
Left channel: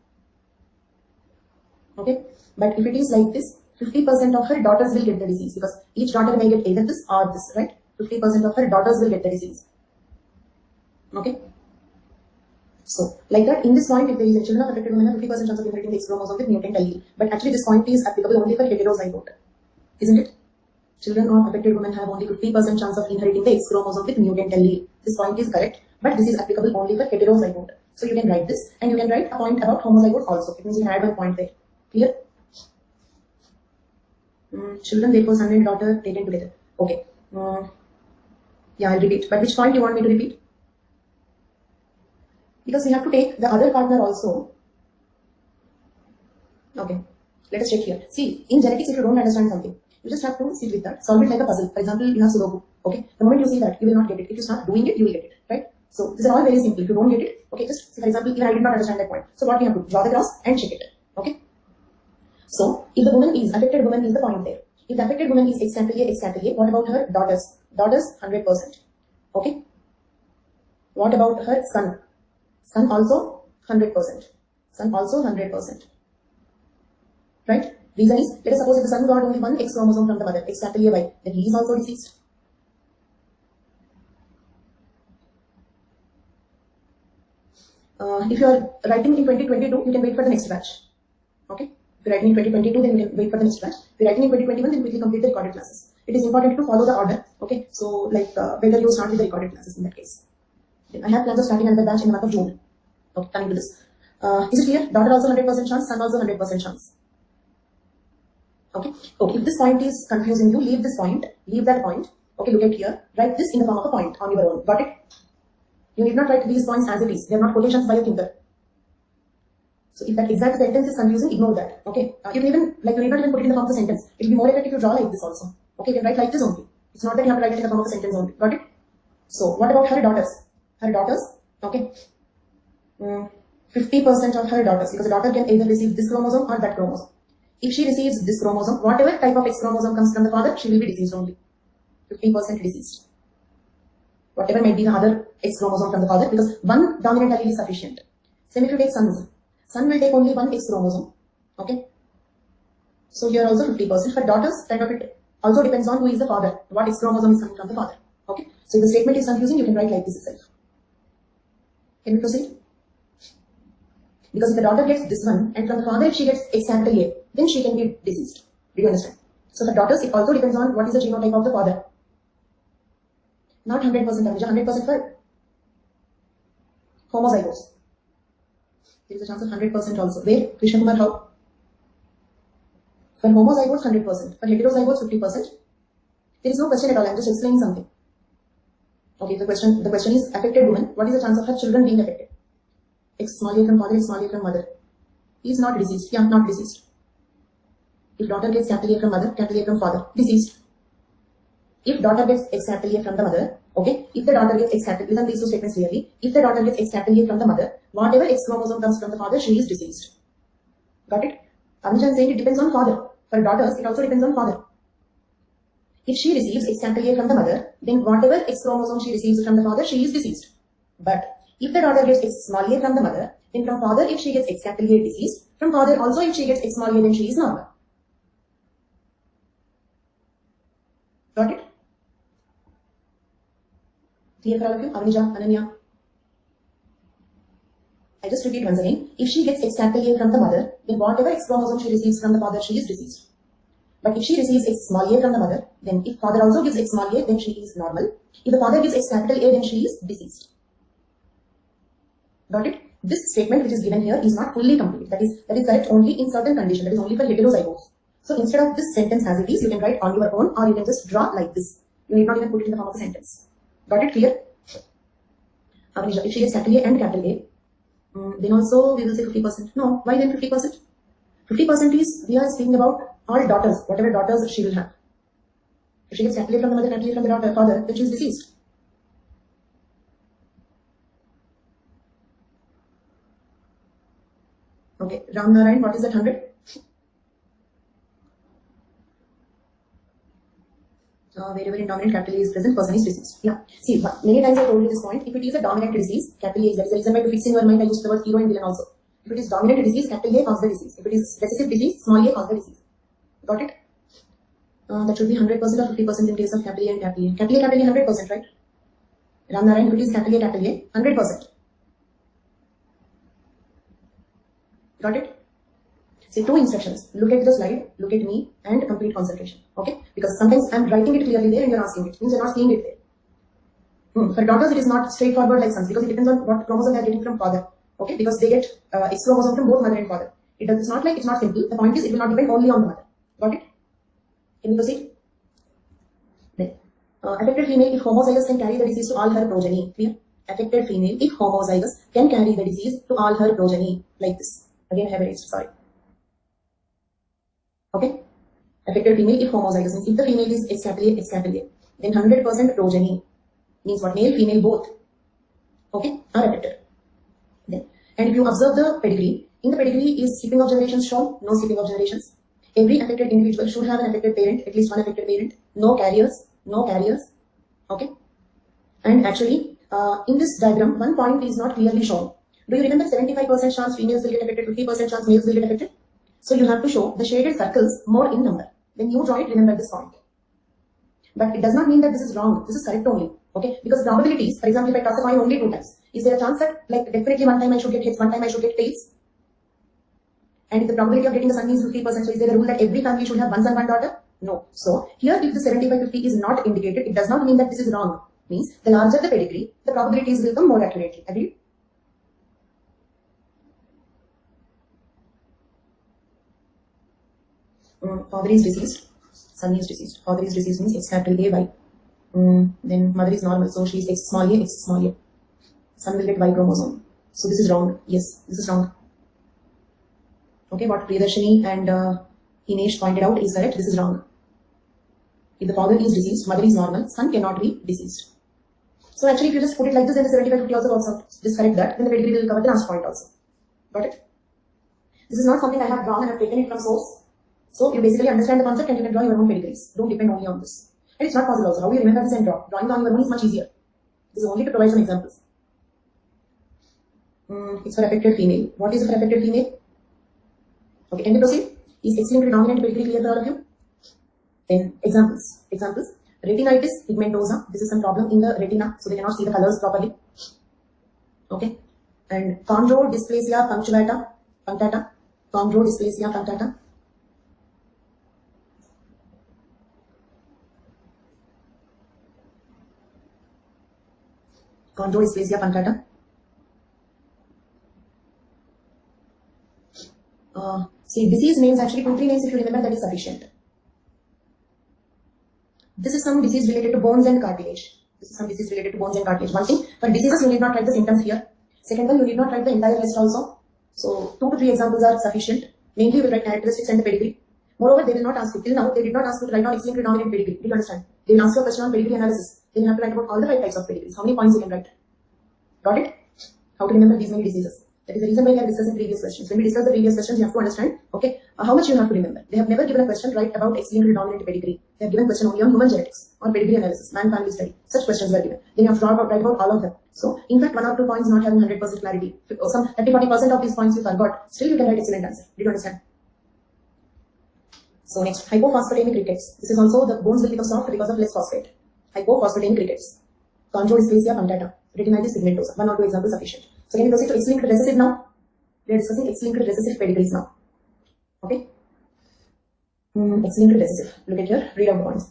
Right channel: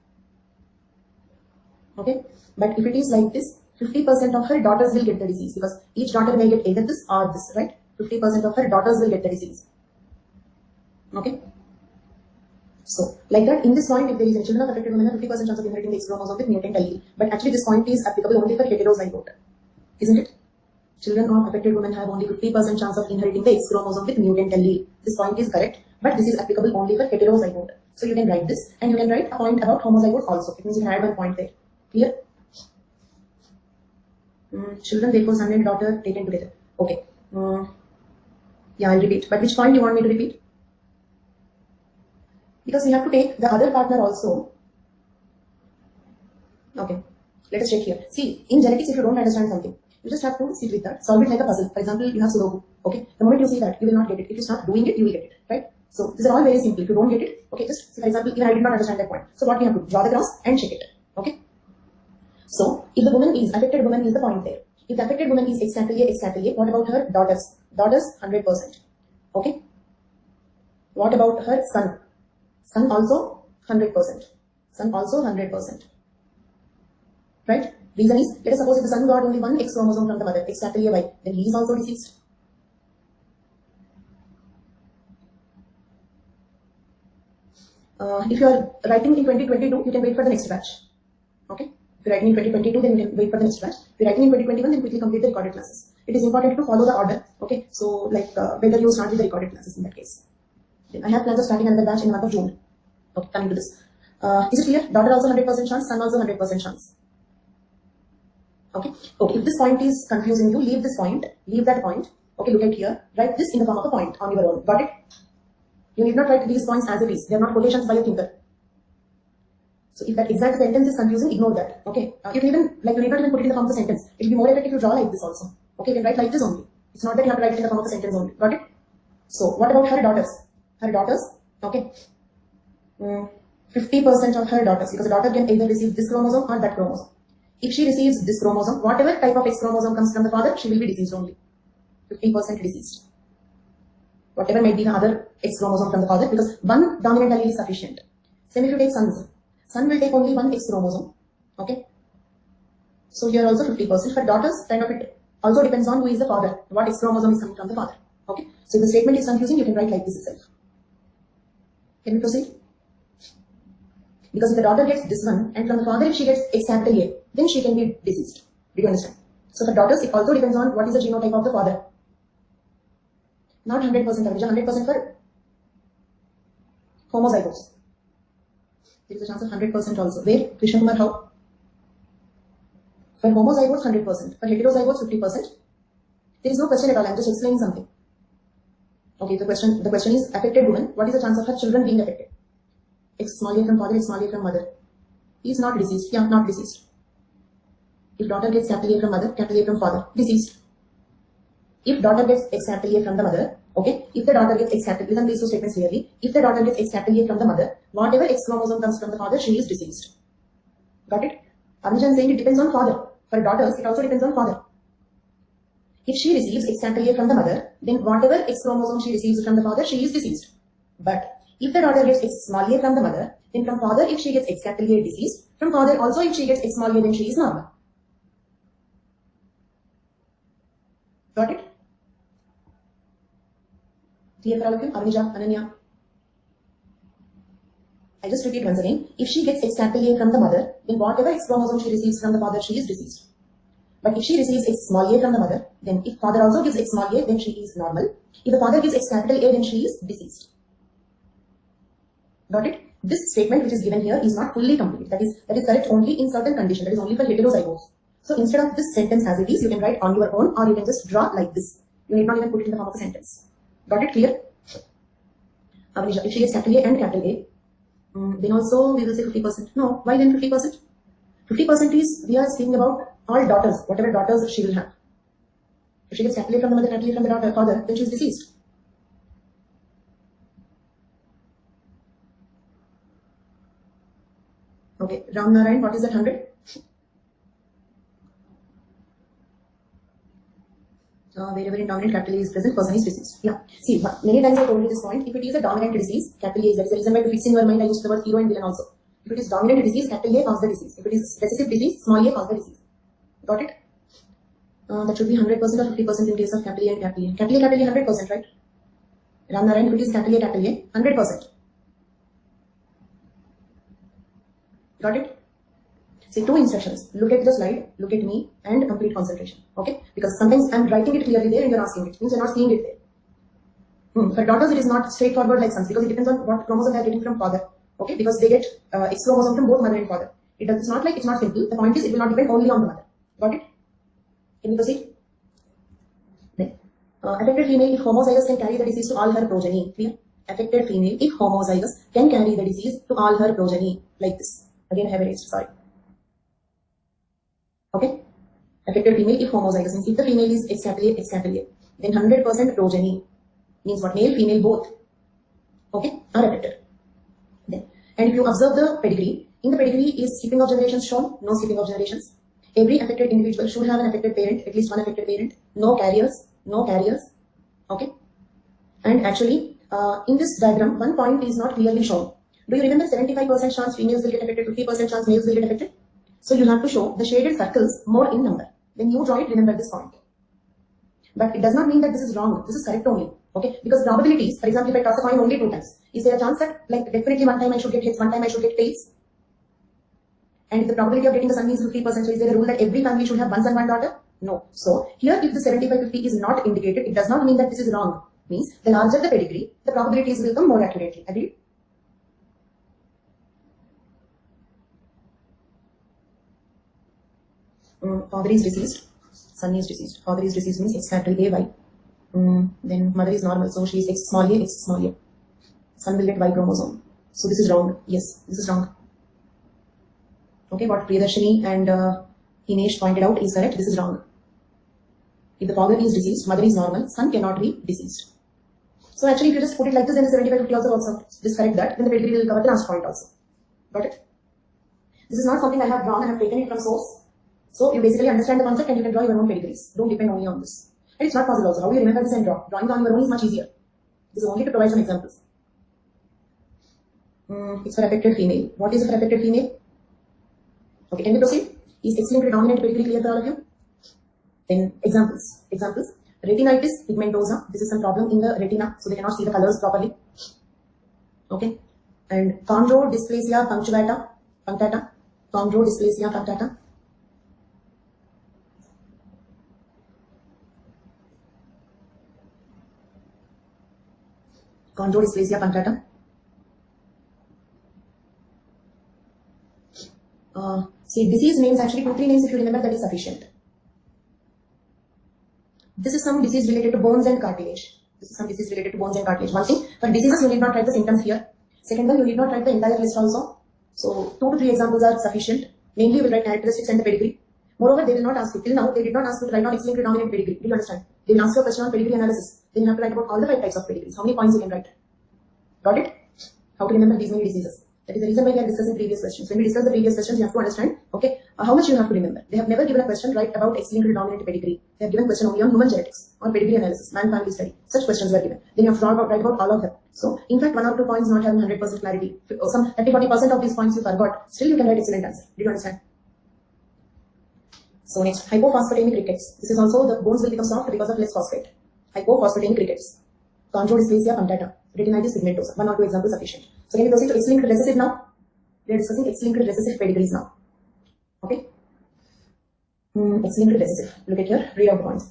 Okay. But if it is like this, 50% of her daughters will get the disease, because each daughter may get either this or this, right? 50% of her daughters will get the disease. Okay. So, like that, in this point, if there is a children of affected women have 50% chance of inheriting the X chromosome with mutant allele. But actually, this point is applicable only for heterozygote. Isn't it? Children of affected women have only 50% chance of inheriting the X chromosome with mutant allele. This point is correct, but this is applicable only for heterozygote. So, you can write this, and you can write a point about homozygote also. It means you can add one point there. Clear? Children, therefore, son and daughter taken together. Okay. Yeah, I'll repeat. But which point you want me to repeat? Because we have to take the other partner also. Okay. Let us check here. See, in genetics, if you don't understand something, you just have to sit with that. Solve it like a puzzle. For example, you have Sudoku. Okay. The moment you see that, you will not get it. If you start doing it, you will get it. Right? So, these are all very simple. If you don't get it, okay, just, for example, even I did not understand that point. So, what we have to do? Draw the cross and check it. Okay. So, if the woman is, affected woman is the point there. If the affected woman is X capital A, what about her daughters? Daughters, 100%. Okay. What about her son? Son also 100%. Son also 100%. Right? Reason is, let us suppose if the son got only one X chromosome from the mother, X capital A Y, then he is also deceased. If you are writing in 2022, you can wait for the next batch. Okay? If you're writing in 2022, then you can wait for the next batch. If you're writing in 2021, then quickly complete the recorded classes. It is important to follow the order. Okay? So, better you start with the recorded classes in that case. Then I have plans of starting another batch in the month of June. Okay, coming to this. Is it clear? Daughter also 100% chance, son also 100% chance. Okay? Okay, if this point is confusing you, leave this point, leave that point. Okay, look at here. Write this in the form of a point on your own. Got it? You need not write these points as it is. They are not quotations by a thinker. So if that exact sentence is confusing, ignore that. Okay? You can even, you need not even put it in the form of a sentence. It will be more effective if you draw like this also. Okay, you can write like this only. It's not that you have to write it in the form of a sentence only. Got it? So what about her daughters? Her daughters, okay. 50% of her daughters, because a daughter can either receive this chromosome or that chromosome. If she receives this chromosome, whatever type of X chromosome comes from the father, she will be deceased only. 50% deceased. Whatever may be the other X chromosome from the father, because one dominant allele is sufficient. Same if you take sons. Son will take only one X chromosome. Okay. So here also 50%. For daughters, kind of it also depends on who is the father, what X chromosome is coming from the father. Okay. So if the statement is confusing, you can write like this itself. Can we proceed? Because if the daughter gets this one, and from the father if she gets X capital A, then she can be deceased. Do you understand? So for daughters, it also depends on what is the genotype of the father. Not 100%, 100% for homozygotes. There is a chance of 100% also. Where? Krishna Kumar, how? For homozygotes, 100%. For heterozygotes, 50%. There is no question at all. I am just explaining something. Okay, the question is affected woman. What is the chance of her children being affected? X small a from father, X small a from mother. He is not deceased. Yeah, not deceased. If daughter gets capital A from mother, capital A from father, deceased. If daughter gets X capital A from the mother, okay. If the daughter gets X capital, listen these two statements clearly. If the daughter gets X capital A from the mother, whatever X chromosome comes from the father, she is deceased. Got it? Anuja is saying it depends on father. For daughters, it also depends on father. If she receives X capital A from the mother, then whatever X chromosome she receives from the father, she is deceased. But if the daughter gets X small a from the mother, then from father if she gets X capital A, deceased. From father also if she gets X small a, then she is normal. Got it? Clear for all of you? Avanija, Ananya. I just repeat once again. If she gets X capital A from the mother, then whatever X chromosome she receives from the father, she is deceased. But if she receives X small a from the mother, then if father also gives X small a, then she is normal. If the father gives X capital A, then she is deceased. Got it? This statement which is given here is not fully complete. That is correct only in certain conditions. That is only for heterozygotes. So instead of this sentence as it is, you can write on your own, or you can just draw like this. You need not even put it in the form of a sentence. Got it? Clear? Avanisha, if she gets capital A and capital A, then also we will say 50%. No, why then 50%? 50% is, we are speaking about all daughters, whatever daughters she will have. If she gets capital A from the mother, capital A from the father, then she is deceased. Okay, Ram Narayan, what is that 100? Wherever in dominant capital A is present, person is deceased. Yeah. See, many times I told you this point. If it is a dominant disease, capital A is, that is the reason why to fix in your mind I used the word hero and villain also. If it is dominant disease, capital A causes the disease. If it is recessive disease, small a causes the disease. Got it? That should be 100% or 50% in case of capital A and capital A. Capital A, 100%, right? Ram Narayan, if it is capital A, 100%. Got it? See, two instructions. Look at the slide, look at me, and complete concentration. Okay? Because sometimes I'm writing it clearly there and you're asking it. Means you're not seeing it there. For daughters, it is not straightforward like sons because it depends on what chromosome they are getting from father. Okay? Because they get X chromosome from both mother and father. It's not like it's not simple. The point is it will not depend only on the mother. Got it? Can you proceed? Then, affected female if homozygous can carry the disease to all her progeny. Clear? Affected female if homozygous can carry the disease to all her progeny. Like this. Again, I have erased. Sorry. Okay? Affected female if homozygous means if the female is X capital A, then 100% progeny means what? Male, female, both. Okay? Are affected. Then, and if you observe the pedigree, in the pedigree is skipping of generations shown? No skipping of generations. Every affected individual should have an affected parent, at least one affected parent. No carriers. No carriers. Okay? And actually, in this diagram, one point is not clearly shown. Do you remember 75% chance females will get affected, 50% chance males will get affected? So you have to show the shaded circles more in number. When you draw it, remember this point. But it does not mean that this is wrong. This is correct only. Okay? Because probabilities, for example, if I toss a coin only 2 times, is there a chance that like definitely one time I should get heads, one time I should get tails? And if the probability of getting the son means 50%, so is there a rule that every family should have one son, one daughter? No. So here if the 75-50 is not indicated, it does not mean that this is wrong. Means the larger the pedigree, the probabilities will come more accurately. Agreed? Father is deceased, son is deceased. Father is deceased means X capital A Y. Then mother is normal, so she is X small a, X small a. Son will get Y chromosome. So this is wrong. Yes, this is wrong. Okay, what Priyadarshini and Himesh pointed out is correct. This is wrong. If the father is deceased, mother is normal, son cannot be deceased. So actually, if you just put it like this, then the 75-50 also works out. Just correct that. Then the pedigree will cover the last point also. Got it? This is not something I have drawn and have taken it from source. So you basically understand the concept and you can draw your own pedigrees. Don't depend only on this. And it's not possible also. How do you remember this and draw? Drawing on your own is much easier. This is only to provide some examples. It's for affected female. What is for affected female? Okay, can we proceed? Is X-linked dominant pedigree clear for all of you? Then examples. Retinitis pigmentosa. This is some problem in the retina, so they cannot see the colors properly. Okay. And chondrodysplasia punctata. Chondrodysplasia punctata. Chondrodysplasia punctata. See, disease names actually 2-3 names if you remember, that is sufficient. This is some disease related to bones and cartilage. One thing, for diseases you need not write the symptoms here. Second one, you need not write the entire list also. So 2 to 3 examples are sufficient. Mainly you will write characteristics and the pedigree. Moreover, they will not ask you, till now they did not ask you to write down X-linked dominant pedigree. Do you understand? They will ask you a question on pedigree analysis. Then you have to write about all the 5 types of pedigrees. How many points you can write? Got it? How to remember these many diseases. That is the reason why we are discussing previous questions. When we discuss the previous questions, you have to understand, okay, how much you have to remember. They have never given a question right about X-linked dominant pedigree. They have given a question only on human genetics or pedigree analysis, man family study. Such questions were given. Then you have to write about all of them. So, in fact, 1 or 2 points not having 100% clarity, or some 30-40% of these points you forgot, still you can write excellent answer. Did you understand? So next, hypophosphatemic rickets. This is also the bones will become soft because of less phosphate. Hypophosphatemic rickets. Chondrodysplasia punctata. Retinitis pigmentosa. 1 or 2 examples sufficient. So can we proceed to X-linked recessive now? We are discussing X-linked recessive pedigrees now. Okay? X-linked recessive. Look at here. Read out the points.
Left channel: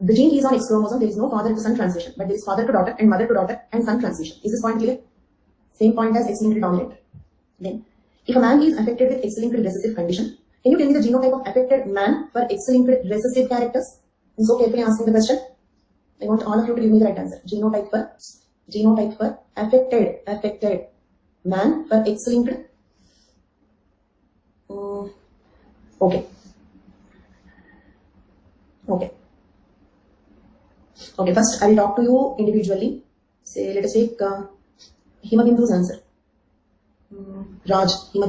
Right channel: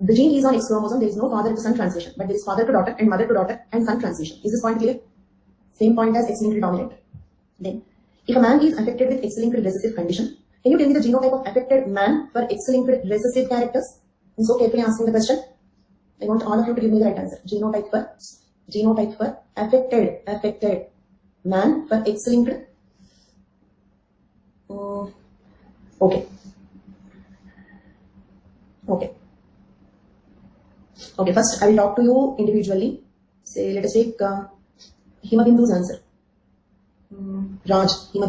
The gene is on X chromosome. There is no father to son transition, but there is father to daughter and mother to daughter and son transition. Is this point clear? Same point as X-linked dominant. Then, if a man is affected with X-linked recessive condition, can you tell me the genotype of affected man for X-linked recessive characters? I'm so carefully asking the question. I want all of you to give me the right answer. Genotype for affected man for X-linked. Okay. First I will talk to you individually. Say, let us take Himabindu's answer. Raj. So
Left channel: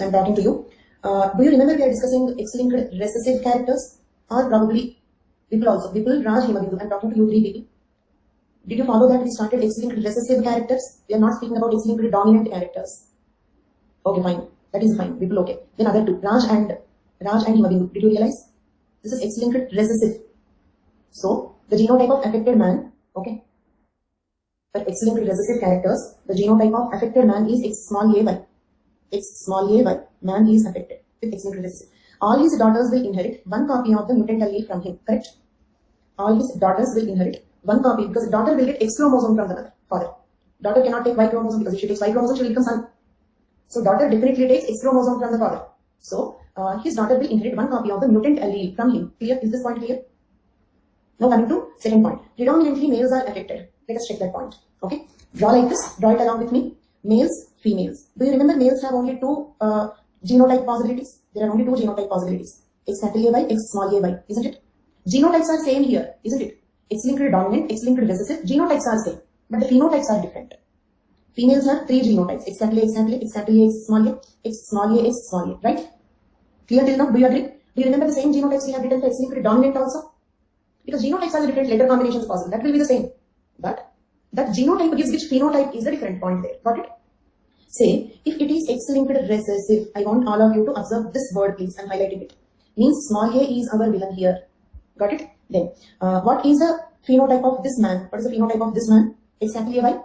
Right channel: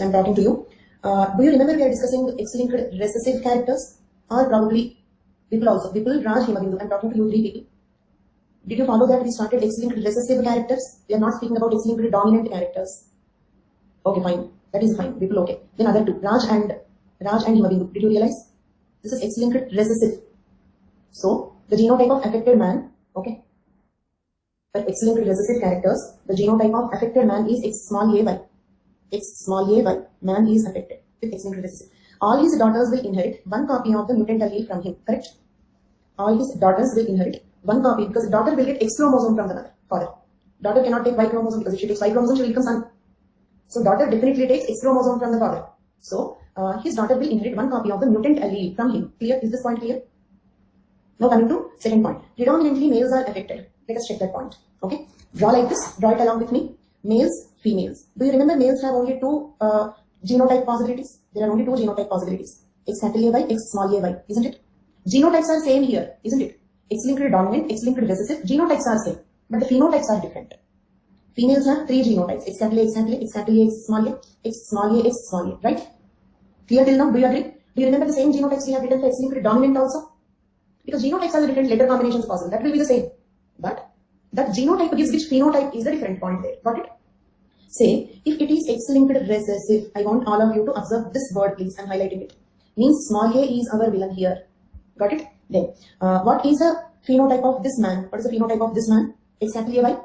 I am talking to you. Do you remember we are discussing X-linked recessive characters? Or probably people also. People, Raj, Himabindu. I am talking to you 3 people. Did you follow that we started X-linked recessive characters? We are not speaking about X-linked dominant characters. Okay, fine. That is fine. People, okay. Then other 2. Raj and Himabindu. Did you realize? This is X-linked recessive. So, the genotype of affected man, okay. For X-linked recessive characters, the genotype of affected man is X small a y. X small a y. Man is affected with X-linked recessive. All his daughters will inherit 1 copy of the mutant allele from him. Correct? All his daughters will inherit 1 copy because daughter will get X chromosome from the father. Daughter cannot take Y chromosome because if she takes Y chromosome, she will become son. So daughter definitely takes X chromosome from the father. So his daughter will inherit 1 copy of the mutant allele from him. Clear? Is this point clear? Now coming to second point. Predominantly males are affected. Let us check that point. Okay. Draw like this. Draw it along with me. Males, females. Do you remember males have only 2 genotype possibilities? There are only 2 genotype possibilities. X capital A y, X small a y. Isn't it? Genotypes are same here. Isn't it? X-linked dominant, X-linked recessive. Genotypes are same. But the phenotypes are different. Females have 3 genotypes. X capital A, X capital A, X capital A, X small a, X small a, X small a. Right? Clear till now? Do you agree? Do you remember the same genotypes we have written for X-linked dominant also? Because genotypes are the different letter combinations possible. That will be the same. But that genotype gives which phenotype is the different point there. Got it? Say, if it is X-linked recessive, I want all of you to observe this word, please. I'm highlighting it. Means small a is our villain here. Got it? Then, what is the phenotype of this man? What is the phenotype of this man? Exactly a Y.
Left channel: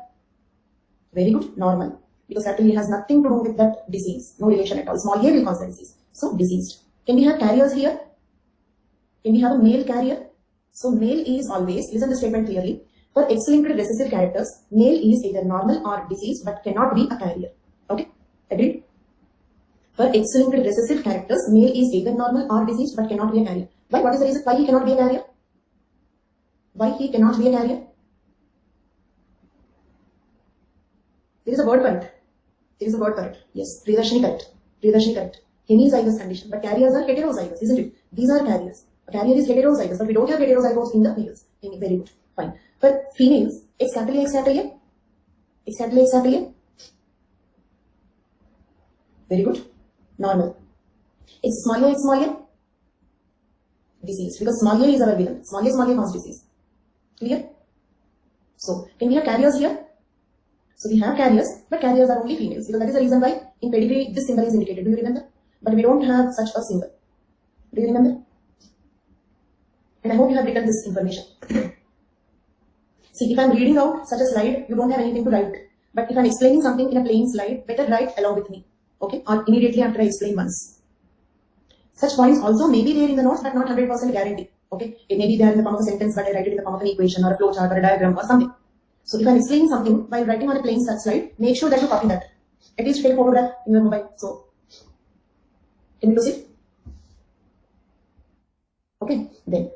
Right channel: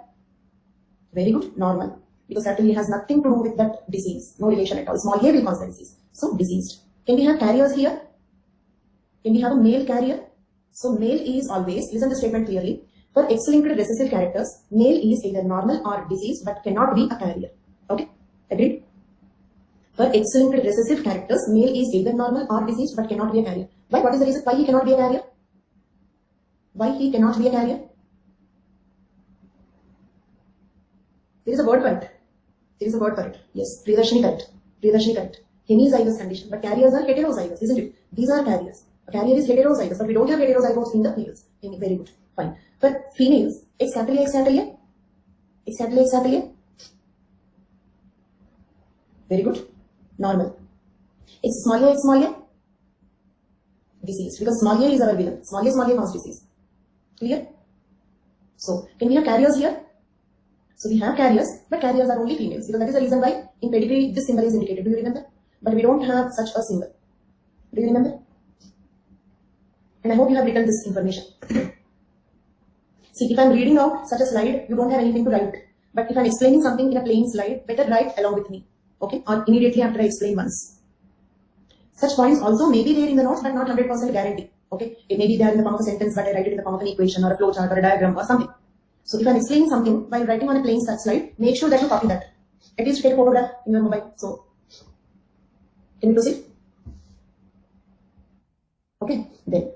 Very good, normal. Because certainly has nothing to do with that disease. No relation at all. Small a will cause the disease. So, diseased. Can we have carriers here? Can we have a male carrier? So, male is always, listen to the statement clearly. For X-linked recessive characters, male is either normal or diseased but cannot be a carrier. Okay? Agreed? For X-linked recessive characters, male is either normal or diseased but cannot be a carrier. Why? What is the reason why he cannot be a carrier? Why he cannot be a carrier? There is a word for it. There is a word for it. Yes, Priyadarshini correct. Priyadarshini correct. Hemizygous condition. But carriers are heterozygous, isn't it? These are carriers. A carrier is heterozygous, but we don't have heterozygotes in the males. Very good. Fine. For females, exactly. Very good. Normal. It's small a. Disease. Because small a is our villain. Small a causes disease. Clear? So, can we have carriers here? So, we have carriers, but carriers are only females. Because that is the reason why in pedigree this symbol is indicated. Do you remember? But we don't have such a symbol. Do you remember? And I hope you have written this information. See, if I am reading out such a slide, you don't have anything to write. But if I am explaining something in a plain slide, better write along with me. Okay? Or immediately after I explain once. Such points also may be there in the notes, but not 100% guarantee. Okay? It may be there in the form of a sentence, but I write it in the form of an equation or a flowchart or a diagram or something. So if I am explaining something by writing on a plain slide, make sure that you copy that. At least take a photograph in your mobile. So, can you proceed? Okay, then.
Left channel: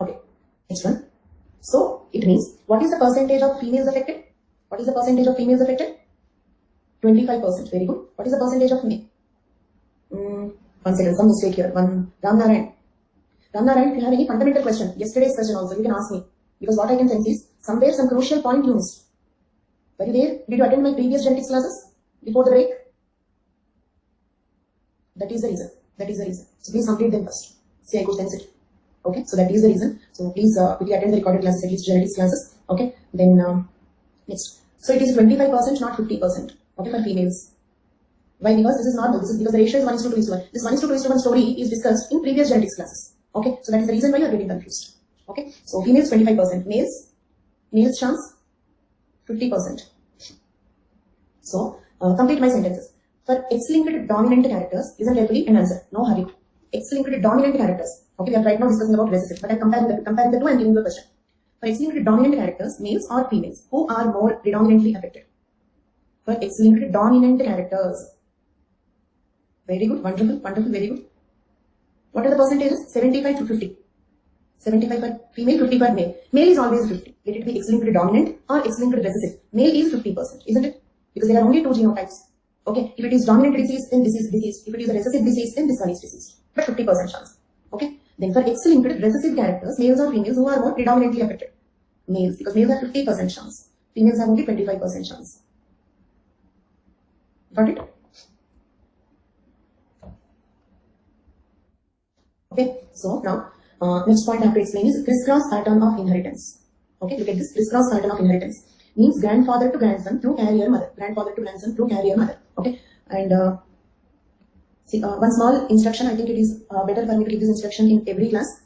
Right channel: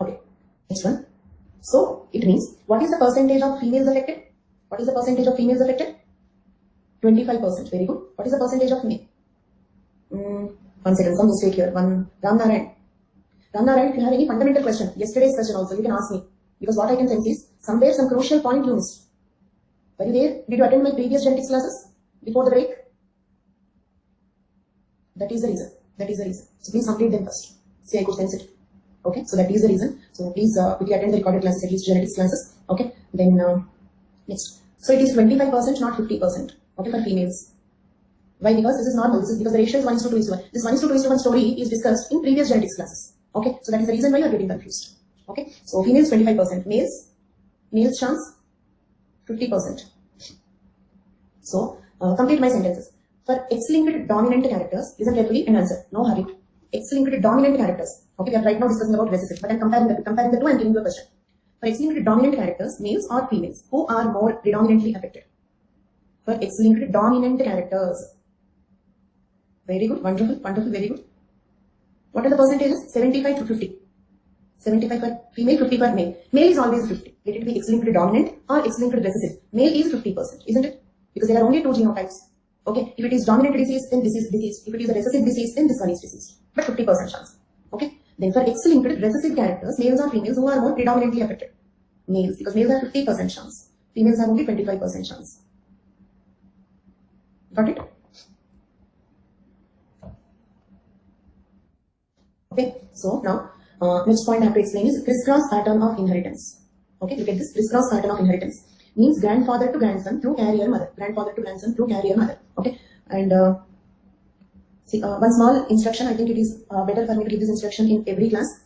Okay, next one. So, it means, what is the percentage of females affected? What is the percentage of females affected? 25%. Very good. What is the percentage of male? One second, some mistake here. Ram Narayan, if you have any fundamental question, yesterday's question also, you can ask me. Because what I can sense is, somewhere some crucial point you missed. Were you there? Did you attend my previous genetics classes before the break? That is the reason. So please complete them first. See, I could sense it. Okay, so that is the reason. So please quickly attend the recorded classes, at least genetics classes. Okay, then next. So it is 25%, not 50%. Okay, for females. Why? Because this is normal. This is because the ratio is 1:2:1. This 1:2:1 story is discussed in previous genetics classes. Okay, so that is the reason why you are getting confused. Okay, so females 25%, males chance 50%. So complete my sentences. For X-linked dominant characters, listen carefully and answer. No hurry. X-linked dominant characters. Okay, we are right now discussing about recessive, but I'm comparing the two and giving you a question. For X-linked dominant characters, males or females, who are more predominantly affected? For X-linked dominant characters. Very good, wonderful, very good. What are the percentages? 75 to 50. 75 for female, 50 for male. Male is always 50. Let it be X-linked dominant or X-linked recessive. Male is 50%, isn't it? Because there are only two genotypes. Okay, if it is dominant disease, then this is diseased. If it is a recessive disease, then this one is diseased. But 50% chance. Okay, then for X-linked recessive characters, males or females, who are more predominantly affected? Males, because males have 50% chance. Females have only 25% chance. Got it? Okay, so now next point I have to explain is crisscross pattern of inheritance. Okay, look at this crisscross pattern of inheritance. Means grandfather to grandson through carrier mother. Grandfather to grandson through carrier mother. Okay, and see one small instruction. I think it is better for me to give this instruction in every class.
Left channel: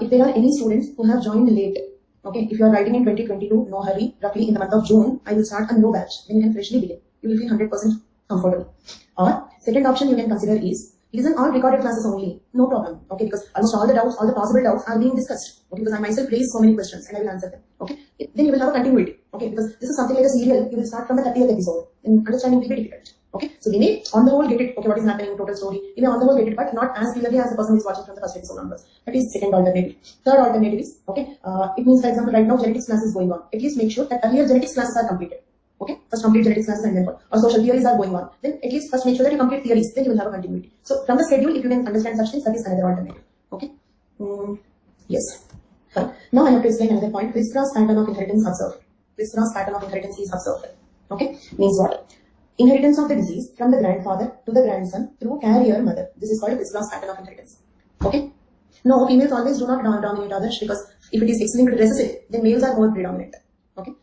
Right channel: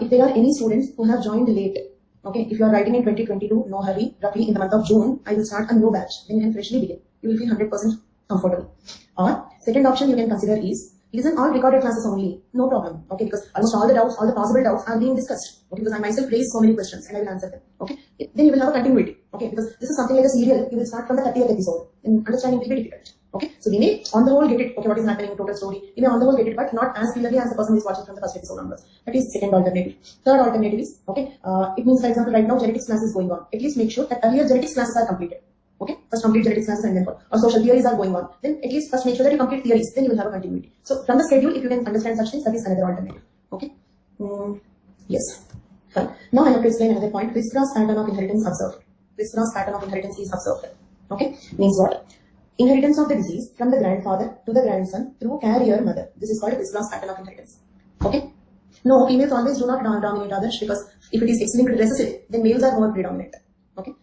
If there are any students who have joined late, okay, if you are writing in 2022, no hurry. Roughly in the month of June, I will start a new batch. Then you can freshly begin. You will feel 100% comfortable. Or second option you can consider is listen all recorded classes only, no problem, okay, because almost all the doubts, all the possible doubts are being discussed, okay, because I myself raised so many questions and I will answer them, okay. Then you will have a continuity, okay, because this is something like a serial, you will start from the 30th episode, and understanding will be difficult, okay. So we may on the whole get it, okay, what is happening in total story, we may on the whole get it, but not as clearly as the person who is watching from the first episode onwards. That is second alternative. Third alternative is, okay, it means, for example, right now genetics class is going on, at least make sure that earlier genetics classes are completed. Okay, first complete genetics classes and then for or social theories are going on. Then at least first make sure that you complete theories, then you will have a continuity. So from the schedule, if you can understand such things, that is another alternative. Okay, yes, fine. Now I have to explain another point. Crisscross pattern of inheritance observed. Crisscross pattern of inheritance is observed. Okay, means what? Inheritance of the disease from the grandfather to the grandson through carrier mother. This is called a crisscross pattern of inheritance. Okay. No, females always do not dominate others because if it is X-linked recessive, then males are more predominant. Okay.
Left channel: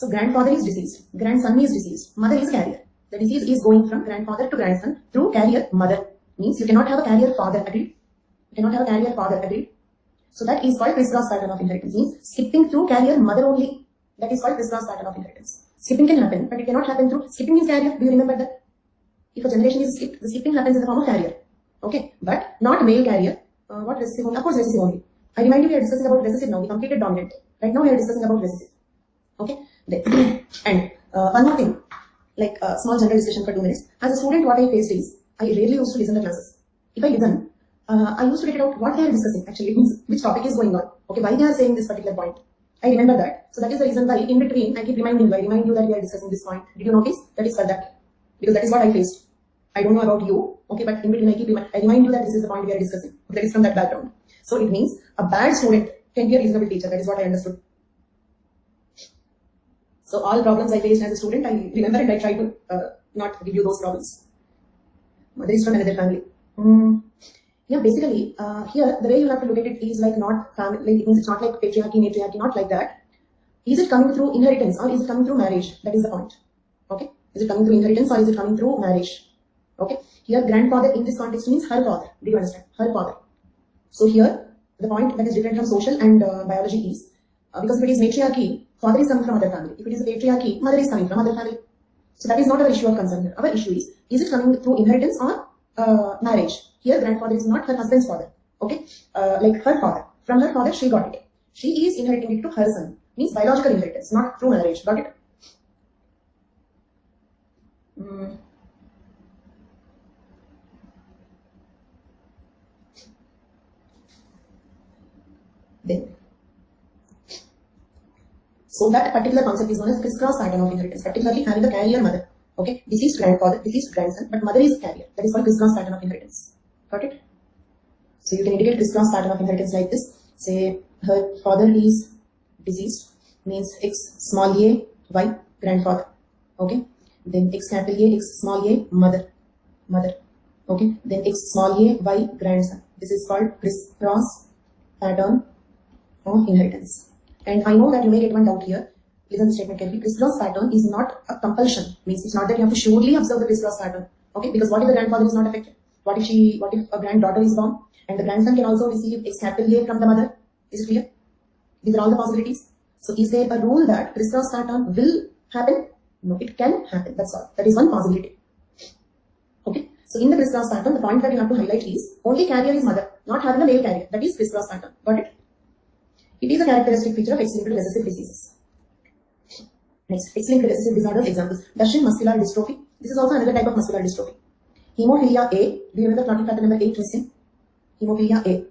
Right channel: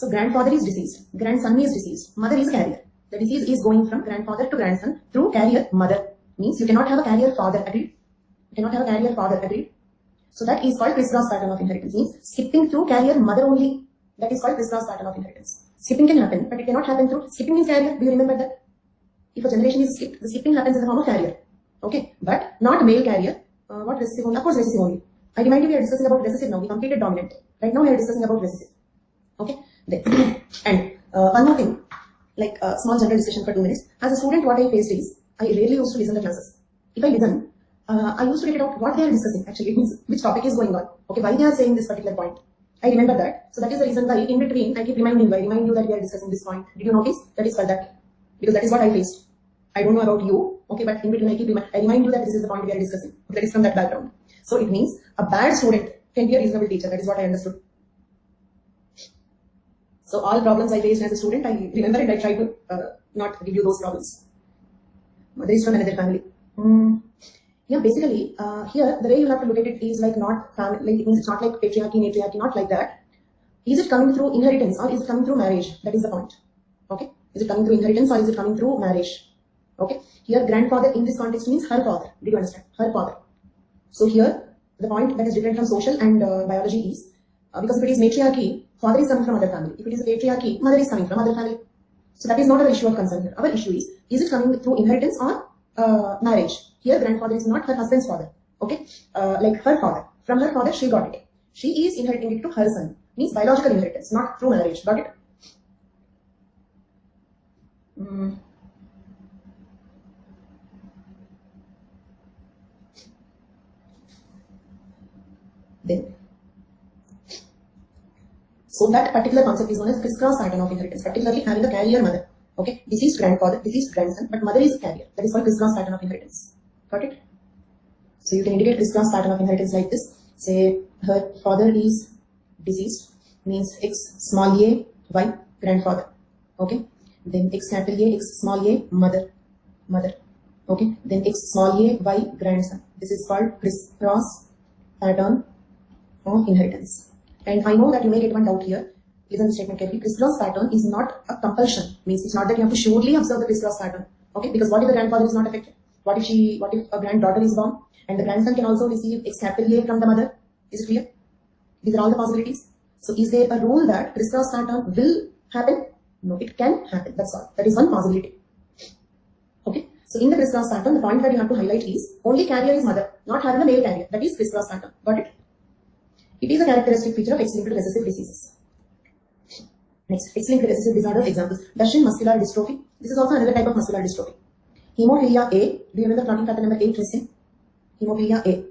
So grandfather is deceased, grandson is deceased, mother is carrier. The disease is going from grandfather to grandson through carrier mother. Means you cannot have a carrier father, agreed? You cannot have a carrier father, agreed? So that is called crisscross pattern of inheritance. Means skipping through carrier mother only. That is called crisscross pattern of inheritance. Skipping can happen, but it cannot happen through, skipping means carrier. Do you remember that? If a generation is skipped, the skipping happens in the form of carrier. Okay, but not male carrier. What recessive only? Of course recessive only. I remind you we are discussing about recessive now. We completed dominant. Right now we are discussing about recessive. Okay, and one more thing, like a small general discussion for 2 minutes. As a student, what I faced is, I rarely used to listen to classes. If I listen, I used to get it out what they are discussing. Actually, it means which topic is going on. Okay, why they are saying this particular point. I remember that. So that is the reason why in between I keep reminding you. I remind you that we are discussing this point. Did you notice? That is for that. Because that is what I faced. I don't know about you. Okay, but in between I remind you that this is the point we are discussing. That is from that background. So it means a bad student can be a reasonable teacher. That is what I understood. So all problems I faced as a student, I remember and I try to not give you those problems. Mother is from another family. Yeah, basically, here the way you have to look at it is like not family. Like it means it's not like patriarchy, matriarchy, not like that. Is it coming through inheritance or is it coming through marriage? That is the point. Okay, is it coming through inheritance or is it coming through marriage? Okay, here grandfather in this context means her father. Do you understand? Her father. So here the point that is different from social and biology is because if it is matriarchy, father is coming from other family. If it is a patriarchy, mother is coming from other family. So that is not our issue of concern here. Our issue is it coming through inheritance or marriage? Here grandfather is not her husband's father. Okay, like her father. From her father she got it. She is inheriting it to her son. Means biological inheritance, not through marriage. Got it? Then. So that particular concept is known as crisscross pattern of inheritance, particularly having a carrier mother. Okay, deceased grandfather, deceased grandson, but mother is a carrier. That is called crisscross pattern of inheritance. Got it? So you can indicate crisscross pattern of inheritance like this. Say her father is deceased, means X small a, Y grandfather. Okay, then X capital A, X small a, mother. Okay, then X small a, Y grandson. This is called crisscross pattern of inheritance. And I know that you may get one doubt here. Listen to the statement carefully. Crisscross pattern is not a compulsion. Means it's not that you have to surely observe the crisscross pattern. Okay, because what if the grandfather is not affected? What if a granddaughter is born and the grandson can also receive X capital A from the mother? Is it clear? These are all the possibilities. So is there a rule that crisscross pattern will happen? No, it can happen. That's all. That is one possibility. Okay. So in the crisscross pattern, the point that you have to highlight is only carrier is mother, not having a male carrier. That is crisscross pattern. Got it? It is a characteristic feature of X-linked recessive diseases. Next, X-linked recessive disorders examples. Duchenne muscular dystrophy. This is also another type of muscular dystrophy. Hemophilia A. Do you remember clotting factor number 8 question? Hemophilia A.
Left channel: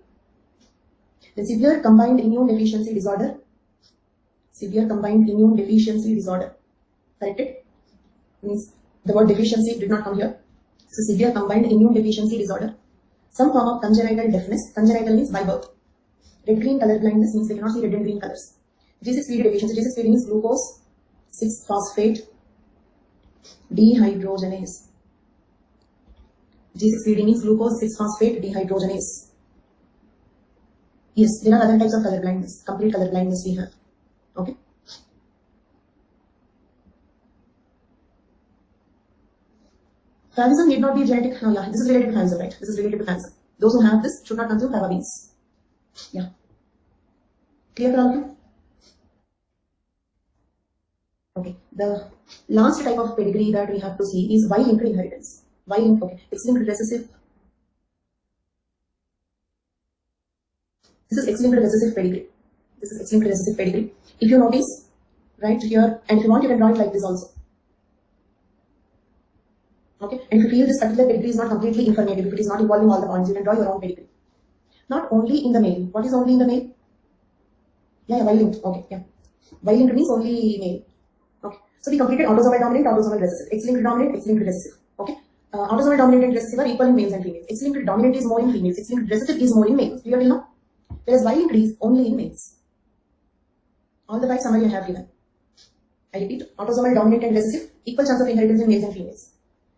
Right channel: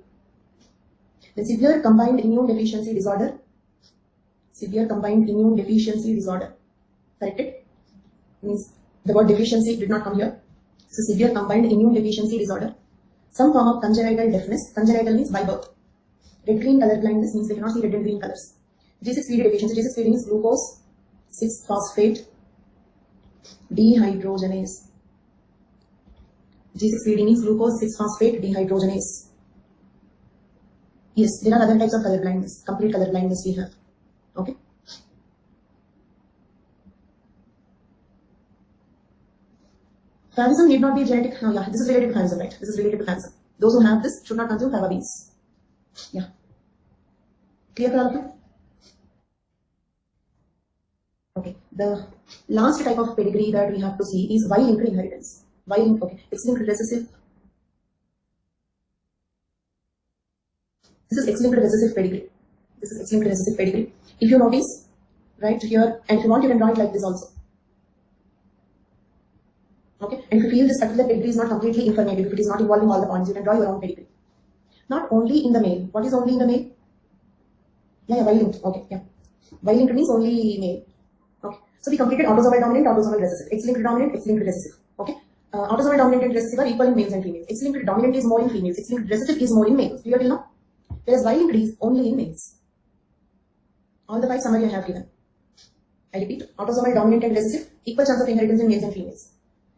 The severe combined immune deficiency disorder. Severe combined immune deficiency disorder. Corrected? Means the word deficiency did not come here. So severe combined immune deficiency disorder. Some form of congenital deafness. Congenital means by birth. Red-green color blindness means they cannot see red and green colors. G6PD deficiency. G6PD means glucose 6-phosphate dehydrogenase. G6PD means glucose 6-phosphate dehydrogenase. Yes, there are other types of color blindness. Complete color blindness we have. Okay. Favism need not be genetic. Oh yeah, this is related to favism, right? This is related to favism. Those who have this should not consume fava beans. Yeah. Clear for all of you? Okay. The last type of pedigree that we have to see is Y-linked inheritance. Y-linked, okay. X-linked recessive. This is X-linked recessive pedigree. This is X-linked recessive pedigree. If you notice, right here, and if you want, you can draw it like this also. Okay. And if you feel this particular pedigree is not completely informative, if it is not involving all the points, you can draw your own pedigree. Not only in the male. What is only in the male? Yeah, Y-linked. Okay, yeah. Y-linked means only male. Okay. So we completed autosomal dominant, autosomal recessive. X-linked dominant, X-linked recessive. Okay. Autosomal dominant and recessive are equal in males and females. X-linked dominant is more in females. X-linked recessive is more in males. Clear till now? Whereas Y-linked is only in males. All the 5 summary I have given. I repeat, autosomal dominant and recessive, equal chance of inheritance in males and females.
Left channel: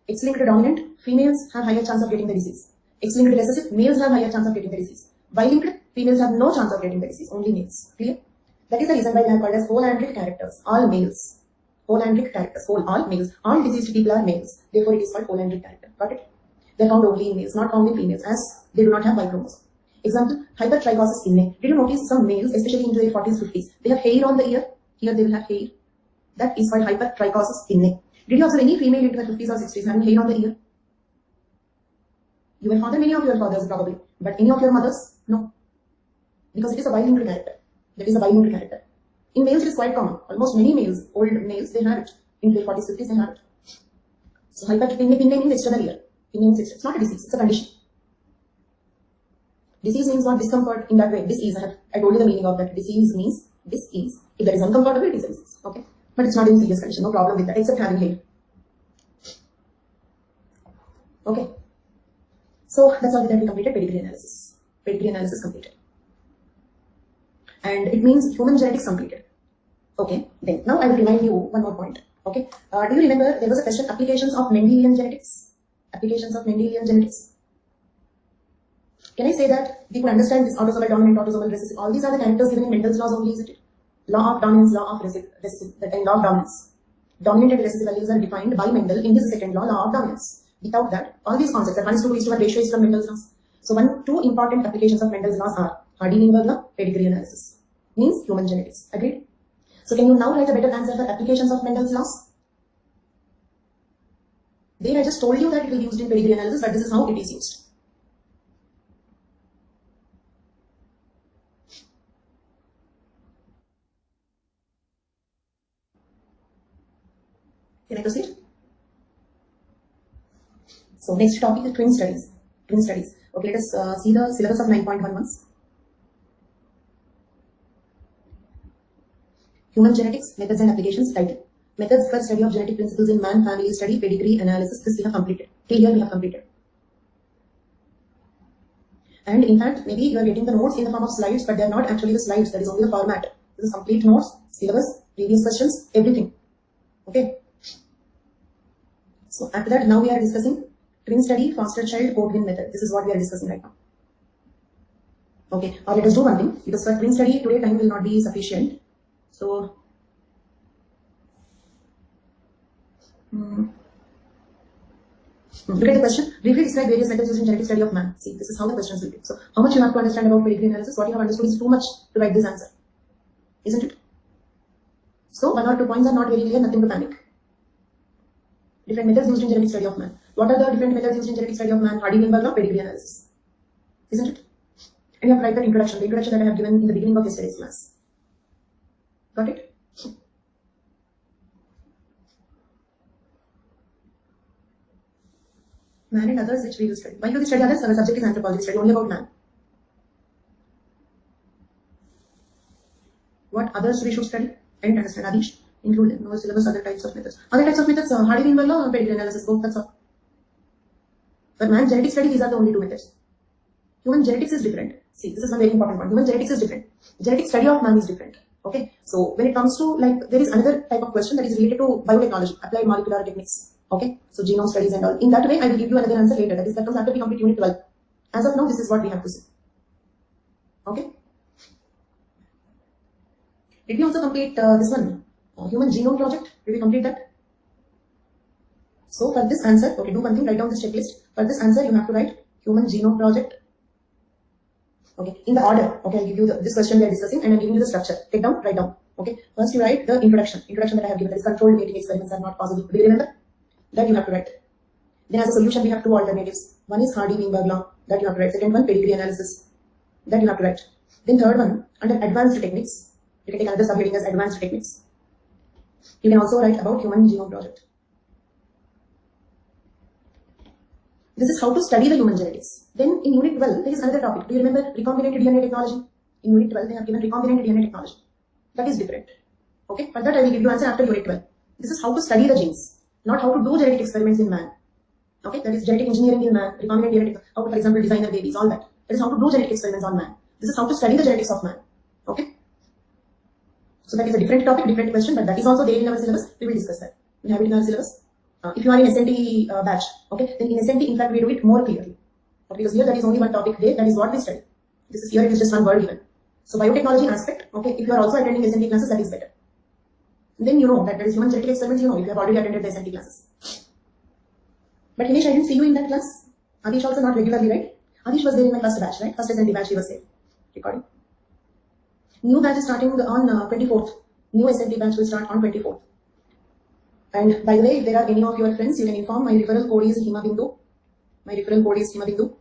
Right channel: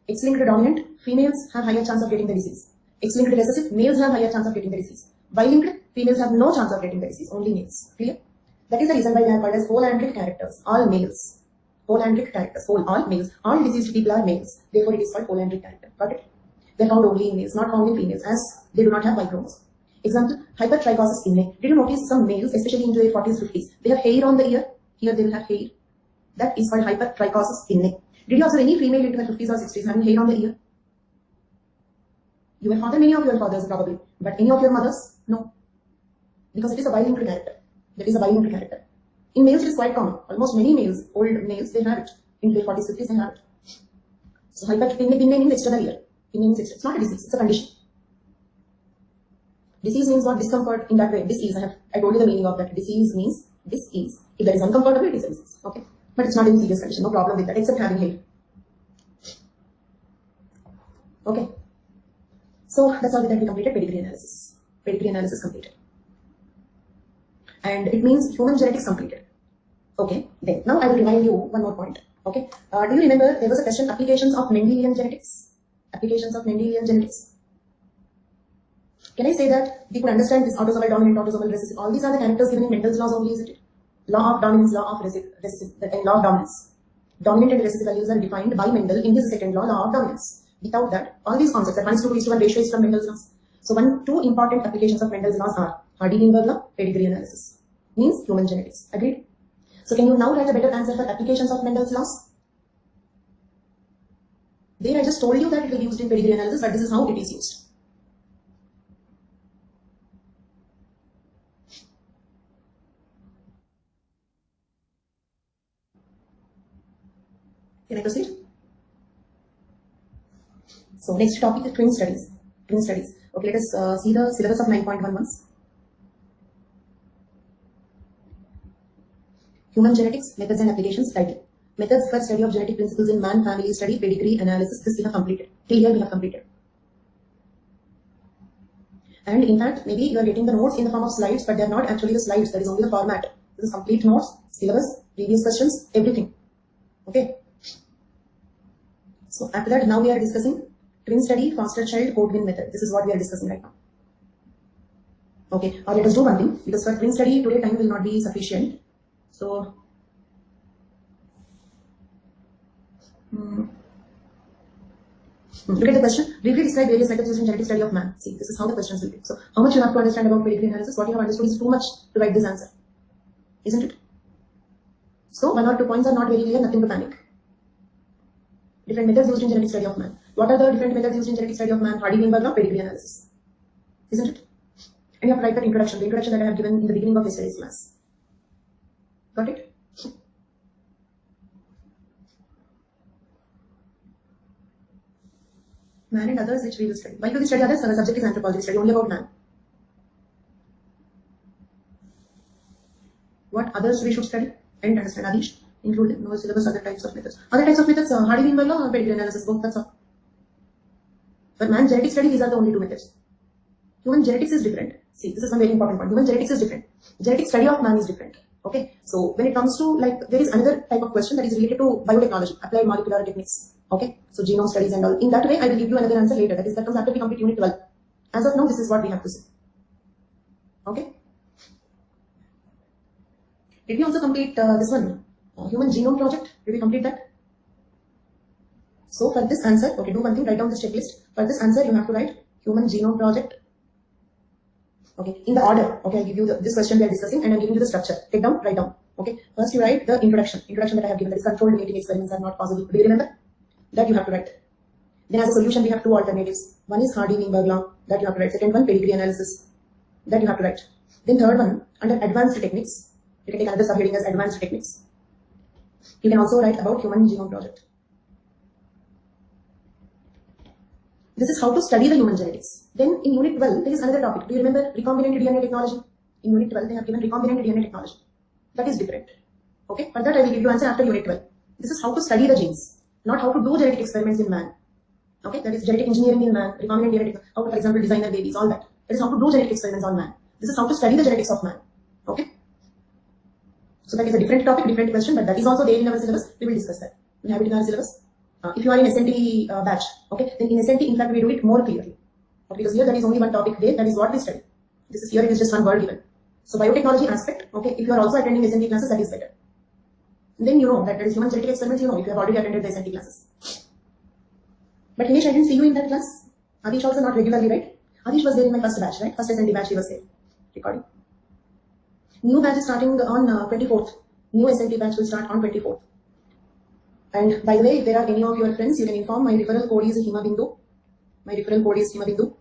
X-linked dominant, females have higher chance of getting the disease. X-linked recessive, males have higher chance of getting the disease. Y-linked, females have no chance of getting the disease, only males. Clear? That is the reason why they are called as all-andric characters, all males. Polyandric characters. All males. All deceased people are males. Therefore, it is called polyandric character. Got it? They are found only in males, not found in females, as they do not have Y chromosome. Example, hypertrichosis inne. Did you notice some males, especially in their 40s, 50s, they have hair on the ear? Here they will have hair. That is called hypertrichosis inne. Did you observe any female in their 50s or 60s having hair on the ear? Your father, many of your fathers probably, but any of your mothers? No. Because it is a bilingual character. That is a bilingual character. In males, it is quite common. Almost many males, old males, they have it. In their 40s, 50s, they have it. So hypertrichosis inne means external ear. It's not a disease, it's a condition. Disease means what? Discomfort in that way. Disease, I told you the meaning of that. Disease means disease. If that is uncomfortable, it is a disease. Okay? But it's not in serious condition, no problem with that, except having hair. Okay. So that's all that we completed pedigree analysis. Pedigree analysis completed. And it means human genetics completed. Okay. Then now I will remind you one more point. Okay. Do you remember there was a question, applications of Mendelian genetics? Applications of Mendelian genetics. Can I say that we could understand this autosomal dominant, autosomal recessive? All these are the characters given in Mendel's laws only, isn't it? Law of dominance, law of recessive, and law of dominance. Dominant and recessive values are defined by Mendel in his second law, law of dominance. Without that, all these concepts, that 1:2:1 ratio is from Mendel's laws. So two important applications of Mendel's laws are Hardy-Weinberg law, pedigree analysis. Means human genetics. Agreed? So can you now write a better answer for applications of Mendel's laws? There I just told you that it will be used in pedigree analysis, but this is how it is used. Can I proceed? So next topic is twin studies. Twin studies. Okay, let us see the syllabus of 9.1 once. Human genetics, methods and applications, title. Methods for study of genetic principles in man, family study, pedigree analysis. This we have completed. Till here we have completed. And in fact, maybe you are getting the notes in the form of slides, but they are not actually the slides. That is only the format. This is complete notes, syllabus, previous questions, everything. Okay. So after that, now we are discussing twin study, foster child, code-win method. This is what we are discussing right now. Okay, or let us do one thing, because for twin study today time will not be sufficient. So look at the question. Briefly describe various methods used in genetic study of man. See, this is how the questions will be. So how much you have to understand about pedigree analysis? What you have understood is too much to write this answer, isn't it? So 1 or 2 points are not very clear, nothing to panic. Different methods used in genetic study of man. What are the different methods used in genetic study of man? Hardy-Weinberg law, pedigree analysis. Isn't it? And you have to write the introduction that I have given in the beginning of yesterday's class. Got it? Man and others which we will study. Why do we study others? Our subject is anthropology, study only about man. What others we should study and understand? Adish, include no syllabus, other types of methods. Other types of methods, Hardy-Weinberg law or pedigree analysis, both, that's all. For man genetic study, these are the only 2 methods. Human genetics is different. See, this is one very important point. Human genetics is different. Genetic study of man is different. Okay, so when it comes to, like, there is another type of question that is related to biotechnology, applied molecular techniques. Okay, so genome studies and all. In that way, I will give you another answer later. That comes after we complete unit 12. As of now, this is what we have to see. Okay. Did we also complete this one? Human genome project? Did we complete that? So for this answer, okay, do one thing, write down this checklist. For this answer, you have to write human genome project. Okay, in the order. Okay, I'll give you this question we are discussing and I'm giving you the structure. Take down, write down. Okay, first you write the introduction. Introduction that I have given, that is controlled mating experiments are not possible. Do you remember? That you have to write. Then as a solution, we have 2 alternatives. One is Hardy-Weinberg law, that you have to write. Second one, pedigree analysis, that you have to write. Then third one, under advanced techniques, you can take another subheading as advanced techniques. You can also write about human genome project. This is how to study the human genetics. Then in unit 12, there is another topic. Do you remember recombinant DNA technology? In unit 12, they have given recombinant DNA technology. That is different. Okay, for that I will give you answer after unit 12. This is how to study the genes, not how to do genetic experiments in man. Okay, that is genetic engineering in man, recombinant DNA, how to, for example, design their babies, all that. That is how to do genetic experiments on man. This is how to study the genetics of man. Okay. So that is a different topic, different question, but that is also there in our syllabus. We will discuss that. We have it in our syllabus. If you are in SNT batch, okay, then in SNT, in fact, we do it more clearly. Okay, because here there is only one topic there, that is what we study. This is here, it is just one word given. So biotechnology aspect, okay, if you are also attending SNT classes, that is better. then you know that there is human genetic experiments, you know, if you have already attended the SNT classes. But Himesh, I didn't see you in that class. Adish also not regularly, right? Adish was there in my first batch, right? First SNT batch he was there. Recording. New batch is starting on 24th. New SNT batch will start on 24th. And by the way, if there are any of your friends, you can inform my referral code is Himabindu. My referral code is Himabindu.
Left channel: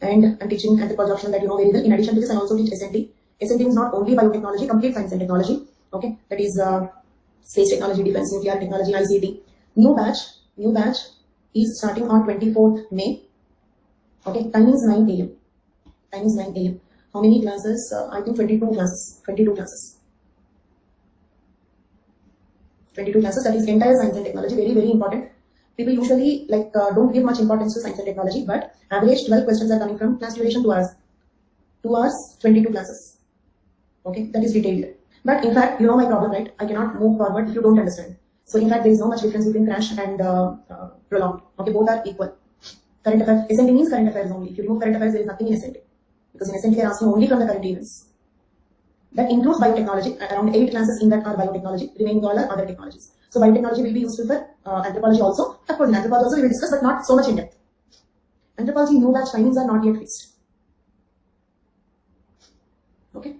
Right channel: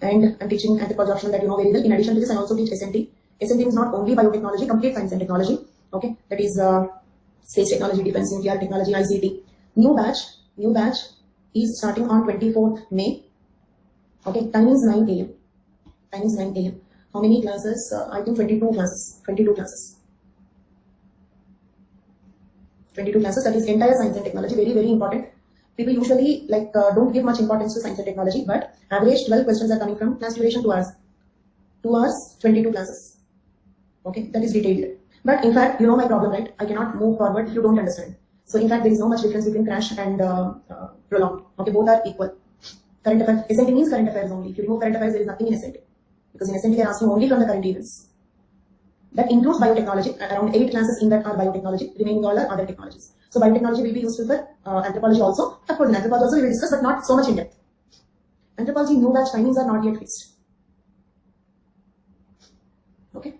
And I'm teaching anthropology optional that you know very well. In addition to this, I also teach SNT. SNT is not only biotechnology, complete science and technology. Okay, that is space technology, defense, nuclear technology, ICT. New batch is starting on 24th May. Okay, time is 9 a.m. Time is 9 a.m. How many classes? I think 22 classes. 22 classes. 22 classes. That is entire science and technology. Very, very important. People usually don't give much importance to science and technology, but average 12 questions are coming from class duration 2 hours. 2 hours, 22 classes. Okay, that is detailed. But in fact, you know my problem, right? I cannot move forward if you don't understand. So in fact, there is no much difference between crash and prolonged. Okay, both are equal. Current affairs, SNT means current affairs only. If you remove current affairs, there is nothing in SNT. Because in SNT, they are asking only from the current events. That includes biotechnology. Around 8 classes in that are biotechnology. Remaining all are other technologies. So biotechnology will be useful for anthropology also. Of course, in anthropology also we will discuss, but not so much in depth. Anthropology new batch timings are not yet fixed. Okay.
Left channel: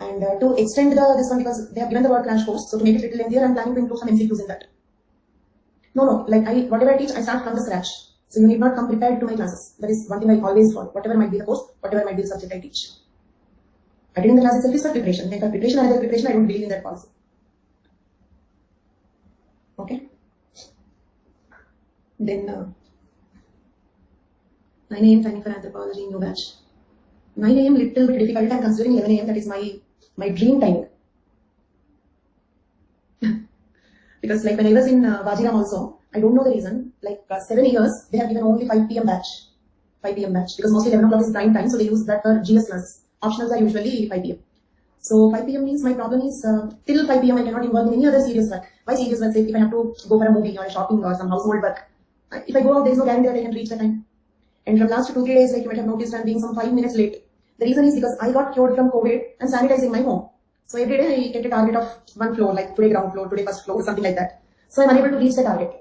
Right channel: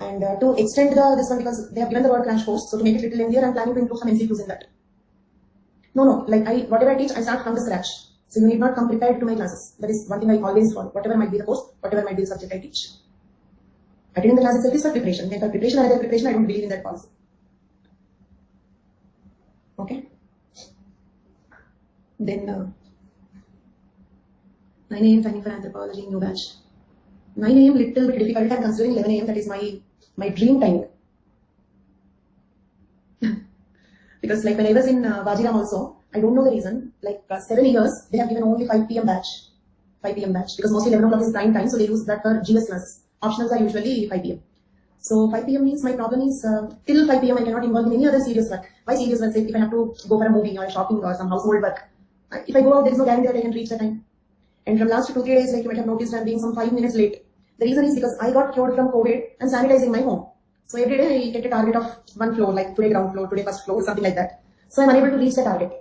And to extend this one, because they have given the word crash course, so to make it a little lengthier, I'm planning to include some MCQs in that. No, whatever I teach, I start from the scratch. So you need not come prepared to my classes. That is one thing I always follow. Whatever might be the course, whatever might be the subject I teach. Attending the class itself is for preparation. Then for preparation, another preparation, I don't believe in that policy. Okay. Then 9 a.m. timing for anthropology, new batch. 9 a.m. little bit difficult. I'm considering 11 a.m. That is my dream timing. Because like when I was in Vajiram also, I don't know the reason. 7 years, they have given only 5 p.m. batch. 5 p.m. batch. Because mostly 11 o'clock is prime time, so they use that for GS classes. Optionals are usually 5 p.m. So 5 p.m. means my problem is till 5 p.m. I cannot involve in any other serious work. Why serious work? Say if I have to go for a movie or shopping or some household work. If I go out, there is no guarantee that I can reach the time. And from last 2-3 days, like you might have noticed, I'm being some 5 minutes late. The reason is because I got cured from COVID and sanitizing my home. So every day I get a target of 1 floor, like today ground floor, today first floor, something like that. So I'm unable to reach the target.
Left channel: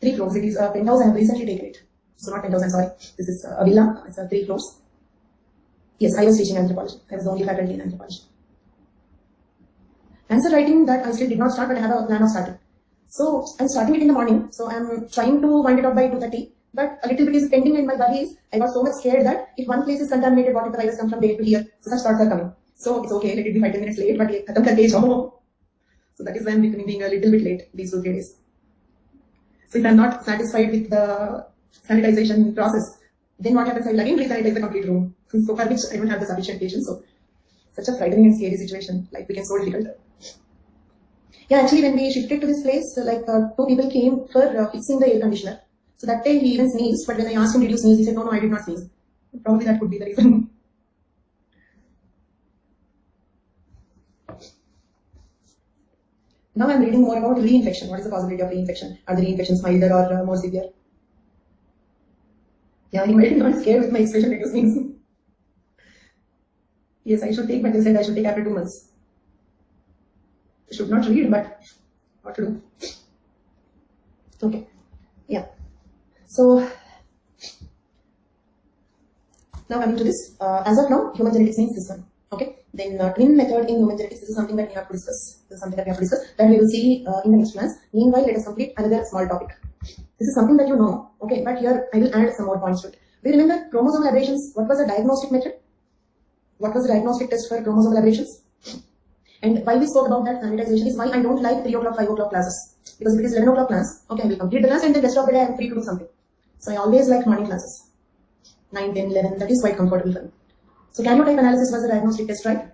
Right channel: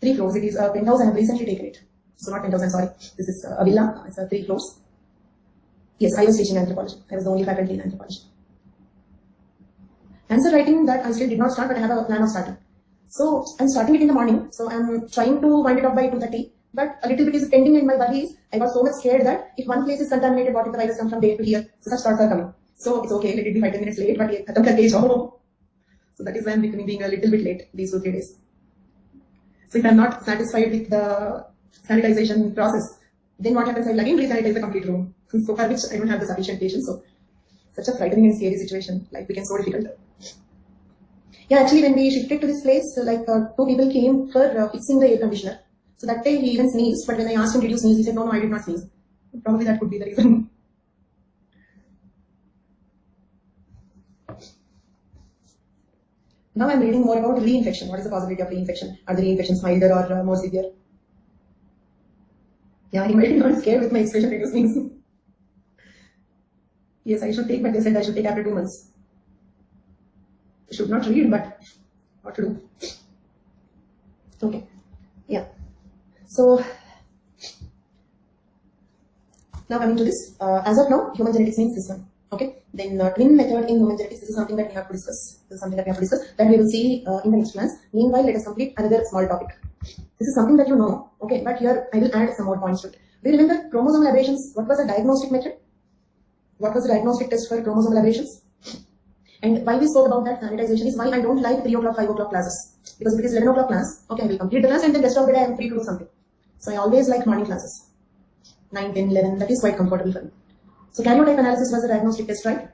3 floors. It is a penthouse. I have recently taken it. So not penthouse, I'm sorry. This is a villa. It's 3 floors. Yes, I was teaching anthropology. I was the only faculty in anthropology. Answer writing that I still did not start, but I have a plan of starting. So I'm starting it in the morning. So I'm trying to wind it up by 2:30. But a little bit is pending in my body. I got so much scared that if one place is contaminated, what if the virus comes from there to here? So such thoughts are coming. So it's okay, let it be 5-10 minutes late, but so that is why I'm being a little bit late these 2-3 days. So if I'm not satisfied with the sanitization process, then what happens? I will again re-sanitize the complete room. So for which I don't have the sufficient patience. So such a frightening and scary situation. Life became so difficult. Yeah, actually when we shifted to this place, 2 people came for fixing the air conditioner. So that day he even sneezed, but when I asked him, did you sneeze? He said, no, I did not sneeze. Probably that could be the reason. Now I'm reading more about reinfection. What is the possibility of reinfection? Are the reinfections milder or more severe? Yeah, he might be not scared with my expression, did you sneeze? Yes, I should take, but they said I should take after 2 months. I should not read, but what to do? Okay, yeah. So, now coming to this, as of now, human genetics means this one. Okay, then twin method in human genetics, this is something that we have to discuss. This is something that we have to discuss that we will see in the next class. Meanwhile, let us complete another small topic. This is something that you know, okay, but here I will add some more points to it. Do you remember chromosomal aberrations? What was the diagnostic method? What was the diagnostic test for chromosomal aberrations? And why we spoke about that sanitization is why I don't like 3 o'clock, 5 o'clock classes. Because if it is 11 o'clock class, okay, I will complete the class and the rest of the day I am free to do something. So I always like morning classes. 9, 10, 11, that is quite comfortable for me. So karyotype analysis was the diagnostic test, right?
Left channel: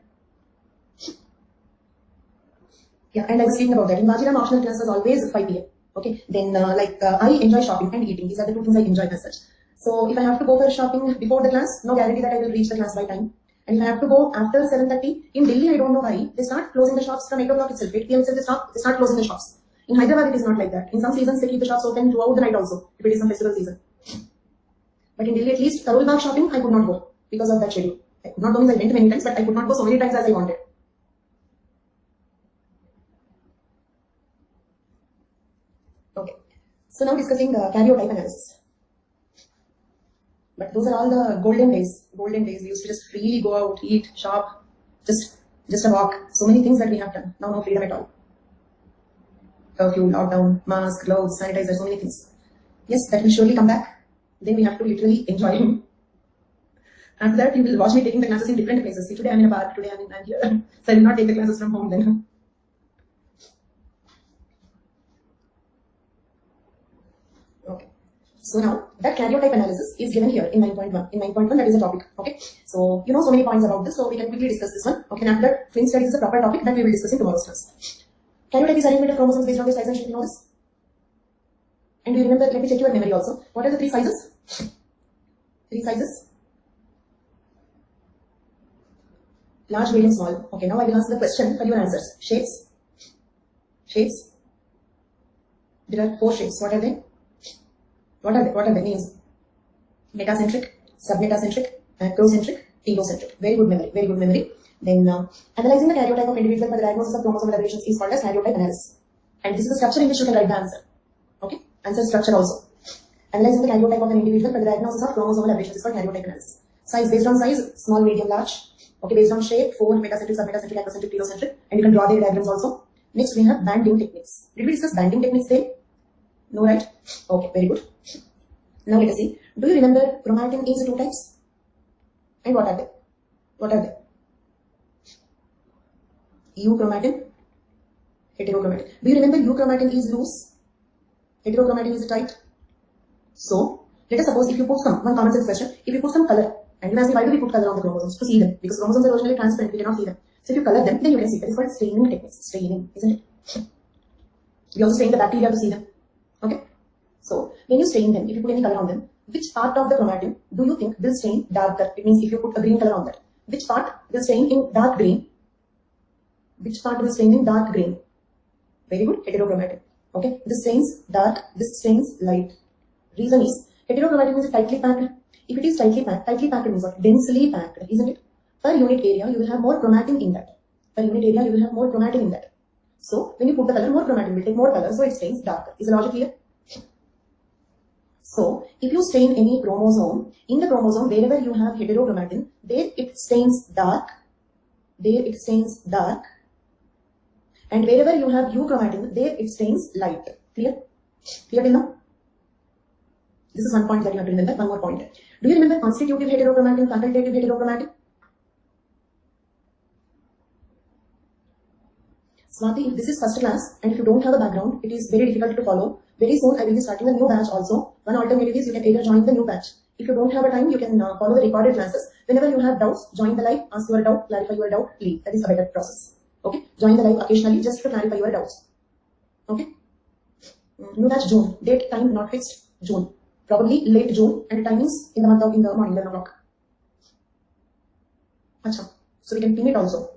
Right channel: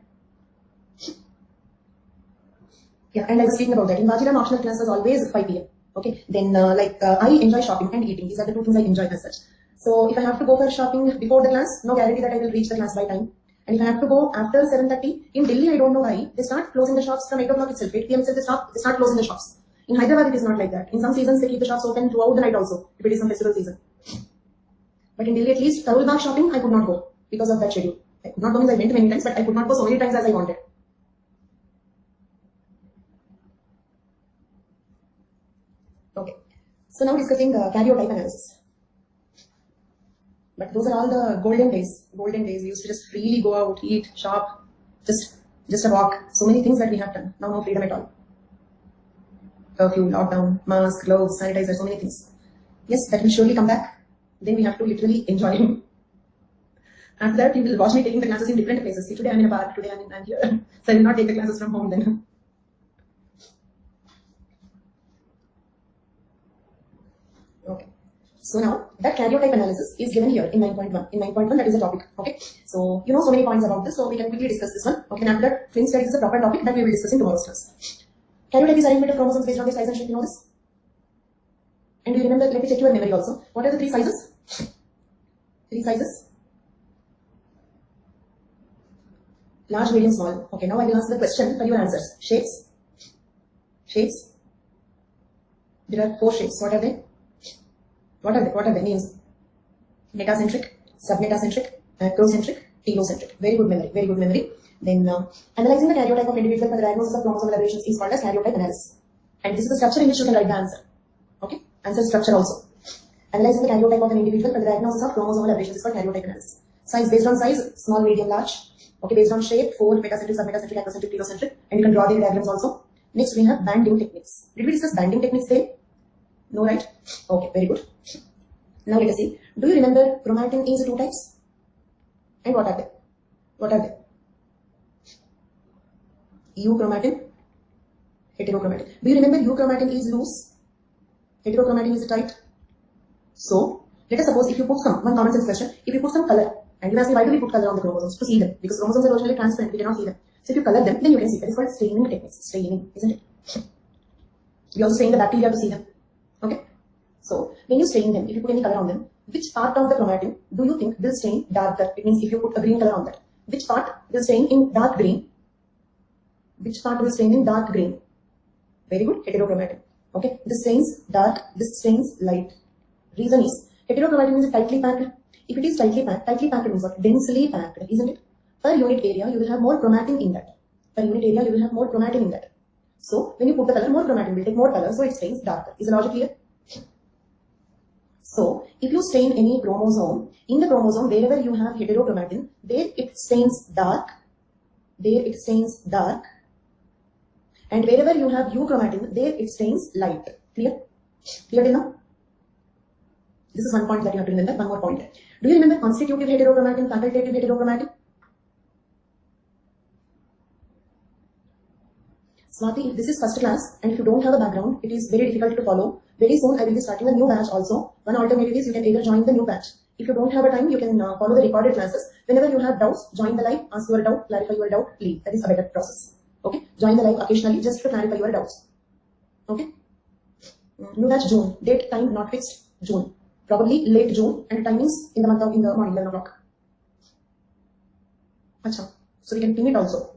Yeah, and I was speaking about that. In Vajiram, optional class was always 5 p.m. Okay, then I enjoy shopping and eating. These are the 2 things I enjoy as such. So if I have to go for shopping before the class, no guarantee that I will reach the class by time. And if I have to go after 7:30, in Delhi, I don't know why, they start closing the shops from 8 o'clock itself. 8 p.m. itself, they start closing the shops. In Hyderabad, it is not like that. In some seasons, they keep the shops open throughout the night also, if it is some festival season. But in Delhi, at least, Karol Bagh shopping, I could not go because of that schedule. I could not go means I went many times, but I could not go so many times as I wanted. So now discussing karyotype analysis. But those are all the golden days. Golden days. We used to just freely go out, eat, shop, just a walk. So many things that we have done. Now no freedom at all. Curfew, lockdown, mask, gloves, sanitizer, so many things. Yes, that will surely come back. Then we have to literally enjoy him. After that, you will watch me taking the classes in different places. See, today I'm in a park, today I'm here. So I will not take the classes from home then. Okay. So now, that karyotype analysis is given here in 9.1. In 9.1, that is a topic. Okay. So, you know so many points about this, so we can quickly discuss this one. Okay, and after that, twin studies is a proper topic that we will discuss in tomorrow's class. Karyotype is arrangement of chromosomes based on their size and shape, you know this? And do you remember, let me check your memory also. What are the three sizes? Three sizes? Large, medium, small. Okay, now I will ask the question for your answers. Shapes? Shapes? There are 4 shapes. What are they? What are the names? Metacentric, submetacentric, macrocentric, telocentric. Very good memory, very good memory. Then analyzing the karyotype of individual for the diagnosis of chromosomal aberrations is called as karyotype analysis. And this is the structure in which you can write the answer. Okay, answer structure also. Analyzing the karyotype of an individual for the diagnosis of chromosomal aberrations is called karyotype analysis. Size based on size, small, medium, large. Okay, based on shape, 4, metacentric, submetacentric, macrocentric, telocentric, and you can draw their diagrams also. Next, we have banding techniques. Did we discuss banding techniques there? No, right? Okay, very good. Now let us see. Do you remember chromatin is 2 types? And what are they? What are they? Euchromatin, heterochromatin. Do you remember euchromatin is loose? Heterochromatin is tight. So, let us suppose if you put one common sense question, if you put some color, and you ask me why do we put color on the chromosomes? To see them. Because chromosomes are originally transparent, we cannot see them. So if you color them, then you can see. That is called staining techniques. Staining, isn't it? We also stain the bacteria to see them. Okay? So, when you stain them, if you put any color on them, which part of the chromatin do you think will stain darker? It means if you put a green color on that, which part will stain in dark green? Which part will stain in dark green? Very good, heterochromatin. Okay, this stains dark, this stains light. Reason is, heterochromatin is tightly packed. If it is tightly packed means what? Densely packed, isn't it? Per unit area, you will have more chromatin in that. Per unit area, you will have more chromatin in that. So, when you put the color, more chromatin will take more color, so it stains darker. Is the logic clear? So, if you stain any chromosome, in the chromosome, wherever you have heterochromatin, there it stains dark. There it stains dark. And wherever you have euchromatin, there it stains light. Clear? Clear till now? This is one point that you have to remember. One more point. Do you remember constitutive heterochromatin, facultative heterochromatin? Swati, if this is first class and if you don't have a background, it is very difficult to follow. Very soon I will be starting a new batch also. One alternative is you can either join the new batch. If you don't have a time, you can follow the recorded classes. Whenever you have doubts, join the live, ask your doubt, clarify your doubt, leave. That is a better process. Okay? Join the live occasionally just to clarify your doubts. Okay? New batch June. Date, time not fixed. June. Probably late June and timings in the morning 11 o'clock. Achha. So we can ping it also.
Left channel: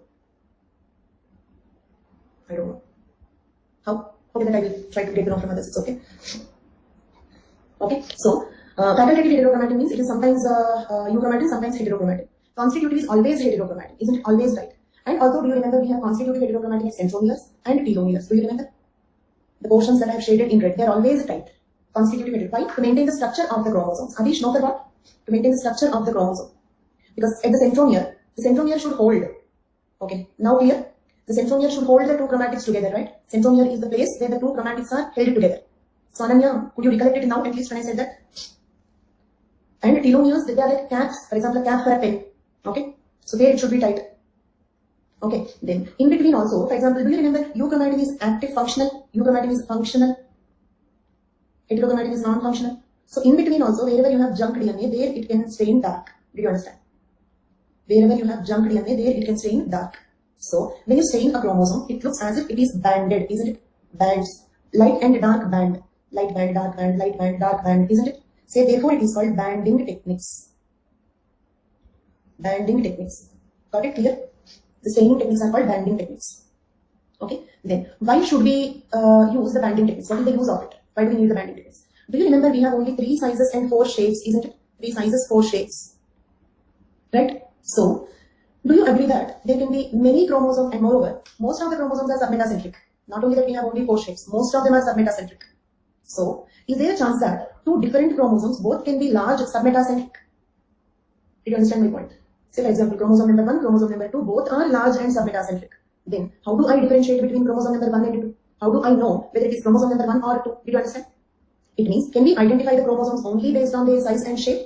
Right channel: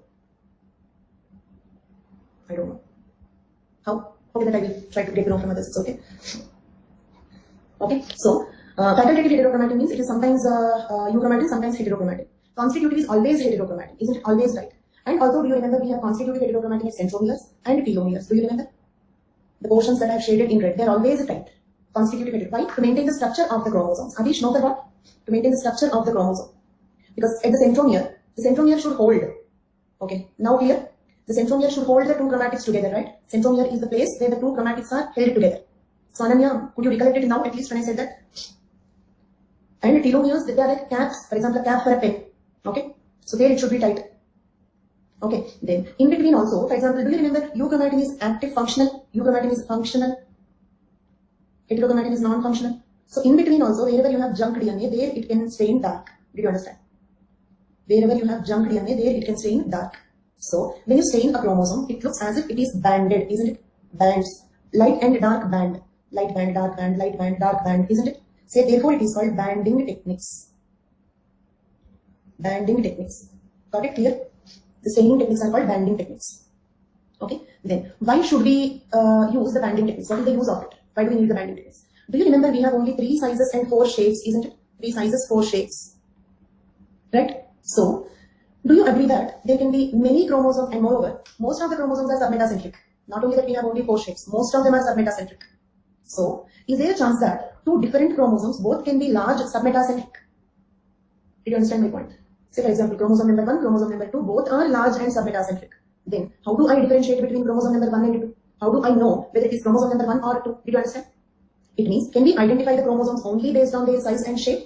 I don't know. How? Okay, that I will try to get to know from others. It's okay. Okay. So, facultative heterochromatin means it is sometimes euchromatin, sometimes heterochromatin. Constitutive is always heterochromatin. Isn't it always right? And also, do you remember we have constitutive heterochromatin at centromeres and telomeres? Do you remember? The portions that I have shaded in red, they are always tight. Constitutive heterochromatin. Why? To maintain the structure of the chromosomes. Adish, know for what? To maintain the structure of the chromosome. Because at the centromere should hold. Okay. Now clear? The centromere should hold the 2 chromatids together, right? Centromere is the place where the 2 chromatids are held together. So Ananya, could you recollect it now, at least when I said that? And telomeres, they are like caps, for example, a cap for a pen. Okay? So there it should be tight. Okay, then in between also, for example, do you remember euchromatin is active functional, euchromatin is functional, heterochromatin is non-functional. So in between also, wherever you have junk DNA, there it can stain dark. Did you understand? Wherever you have junk DNA, there it can stain dark. So, when you stain a chromosome, it looks as if it is banded, isn't it? Bands. Light and dark band. Light band, dark band, light band, dark band, isn't it? Say, therefore, it is called banding techniques. Banding techniques. Got it clear? The staining techniques are called banding techniques. Okay? Then, why should we use the banding techniques? What is the use of it? Why do we need the banding techniques? Do you remember we have only 3 sizes and 4 shapes, isn't it? 3 sizes, 4 shapes. Right? So, do you agree that there can be many chromosomes and moreover, most of the chromosomes are submetacentric? Not only that we have only 4 shapes, most of them are submetacentric. So, is there a chance that two different chromosomes both can be large submetacentric? Did you understand my point? Say for example, chromosome number 1, chromosome number 2, both are large and submetacentric. Then, how do I differentiate between chromosome number 1 and 2? How do I know whether it is chromosome number 1 or 2? Did you understand? It means, can we identify the chromosomes only based on their size and shape?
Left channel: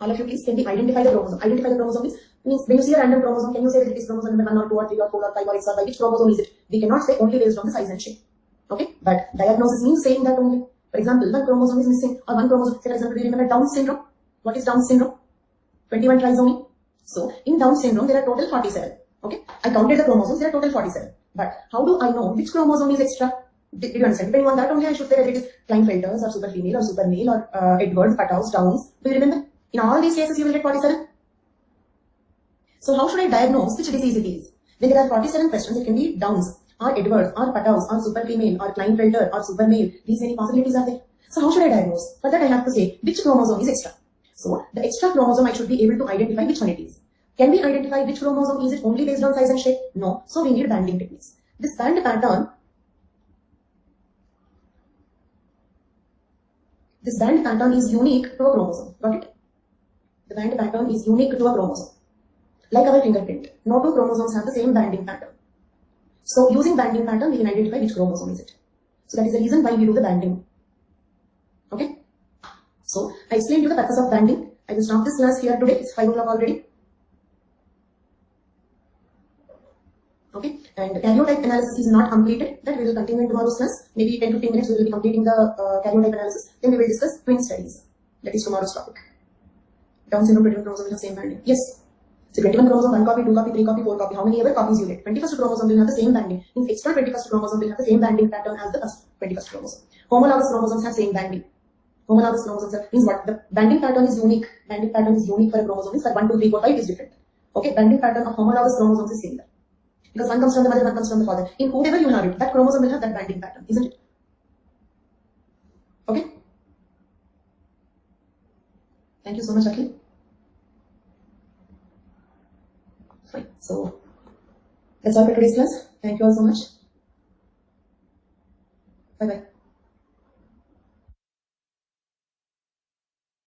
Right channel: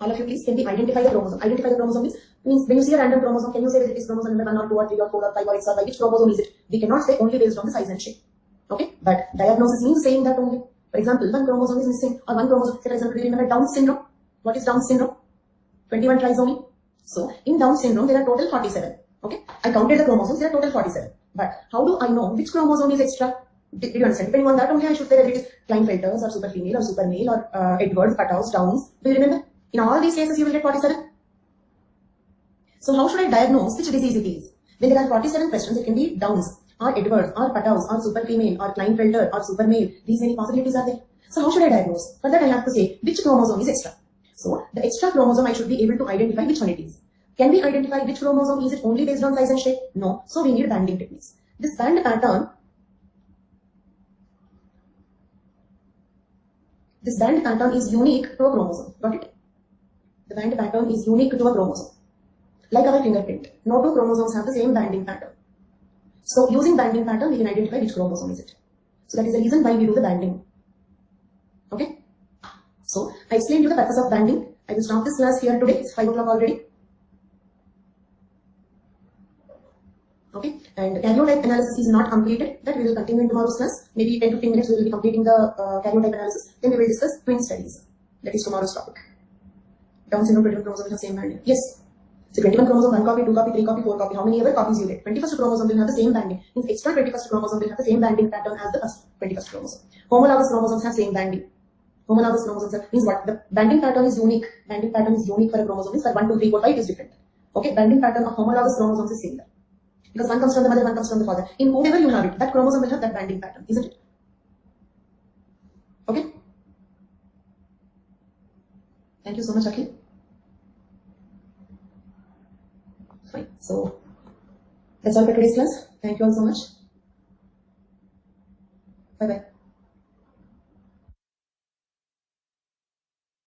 All of you please, can we identify the chromosome? Identify the chromosome means when you see a random chromosome, can you say whether it is chromosome number 1 or 2 or 3 or 4 or 5 or X or Y? Which chromosome is it? We cannot say only based on the size and shape. Okay? But diagnosis means saying that only. For example, one chromosome is missing or one chromosome, say for example, do you remember Down syndrome? What is Down syndrome? 21 trisomy. So, in Down syndrome, there are total 47. Okay? I counted the chromosomes, there are total 47. But how do I know which chromosome is extra? Did you understand? Depending on that only, I should say whether it is Klinefelter's or super female or super male or Edwards, Patau's, Downs. Do you remember? In all these cases, you will get 47. So, how should I diagnose which disease it is? When there are 47 questions, it can be Downs or Edwards or Patau's or super female or Klinefelter or super male. These many possibilities are there. So, how should I diagnose? For that, I have to say which chromosome is extra. So, the extra chromosome, I should be able to identify which one it is. Can we identify which chromosome? Is it only based on size and shape? No. So, we need banding techniques. This band pattern is unique to a chromosome. Got it? The band pattern is unique to a chromosome. Like our fingerprint. No two chromosomes have the same banding pattern. So, using banding pattern, we can identify which chromosome is it. So, that is the reason why we do the banding. Okay? So, I explained you the purpose of banding. I will stop this class here today. It's 5 o'clock already. Okay, and karyotype analysis is not completed. That we will continue in tomorrow's class. Maybe 10-15 minutes we will be completing the karyotype analysis. Then we will discuss twin studies. That is tomorrow's topic. Down syndrome, 21 chromosome will have same banding. Yes. So 21 chromosome, 1 copy, 2 copy, 3 copy, 4 copy. How many ever copies you get? 21st chromosome will have the same banding. Means extra 21st chromosome will have the same banding pattern as the first 21st chromosome. Homologous chromosomes have same banding. Homologous chromosomes means what? The banding pattern is unique. Banding pattern is unique for a chromosome. Means for 1, 2, 3, 4, 5 is different. Okay, banding pattern of homologous chromosomes is similar. Because one comes from the mother, one comes from the father. In whoever you have it, that chromosome will have that banding pattern, isn't it? Okay? Thank you so much, Akhil. Fine. So, that's all for today's class. Thank you all so much. Bye-bye.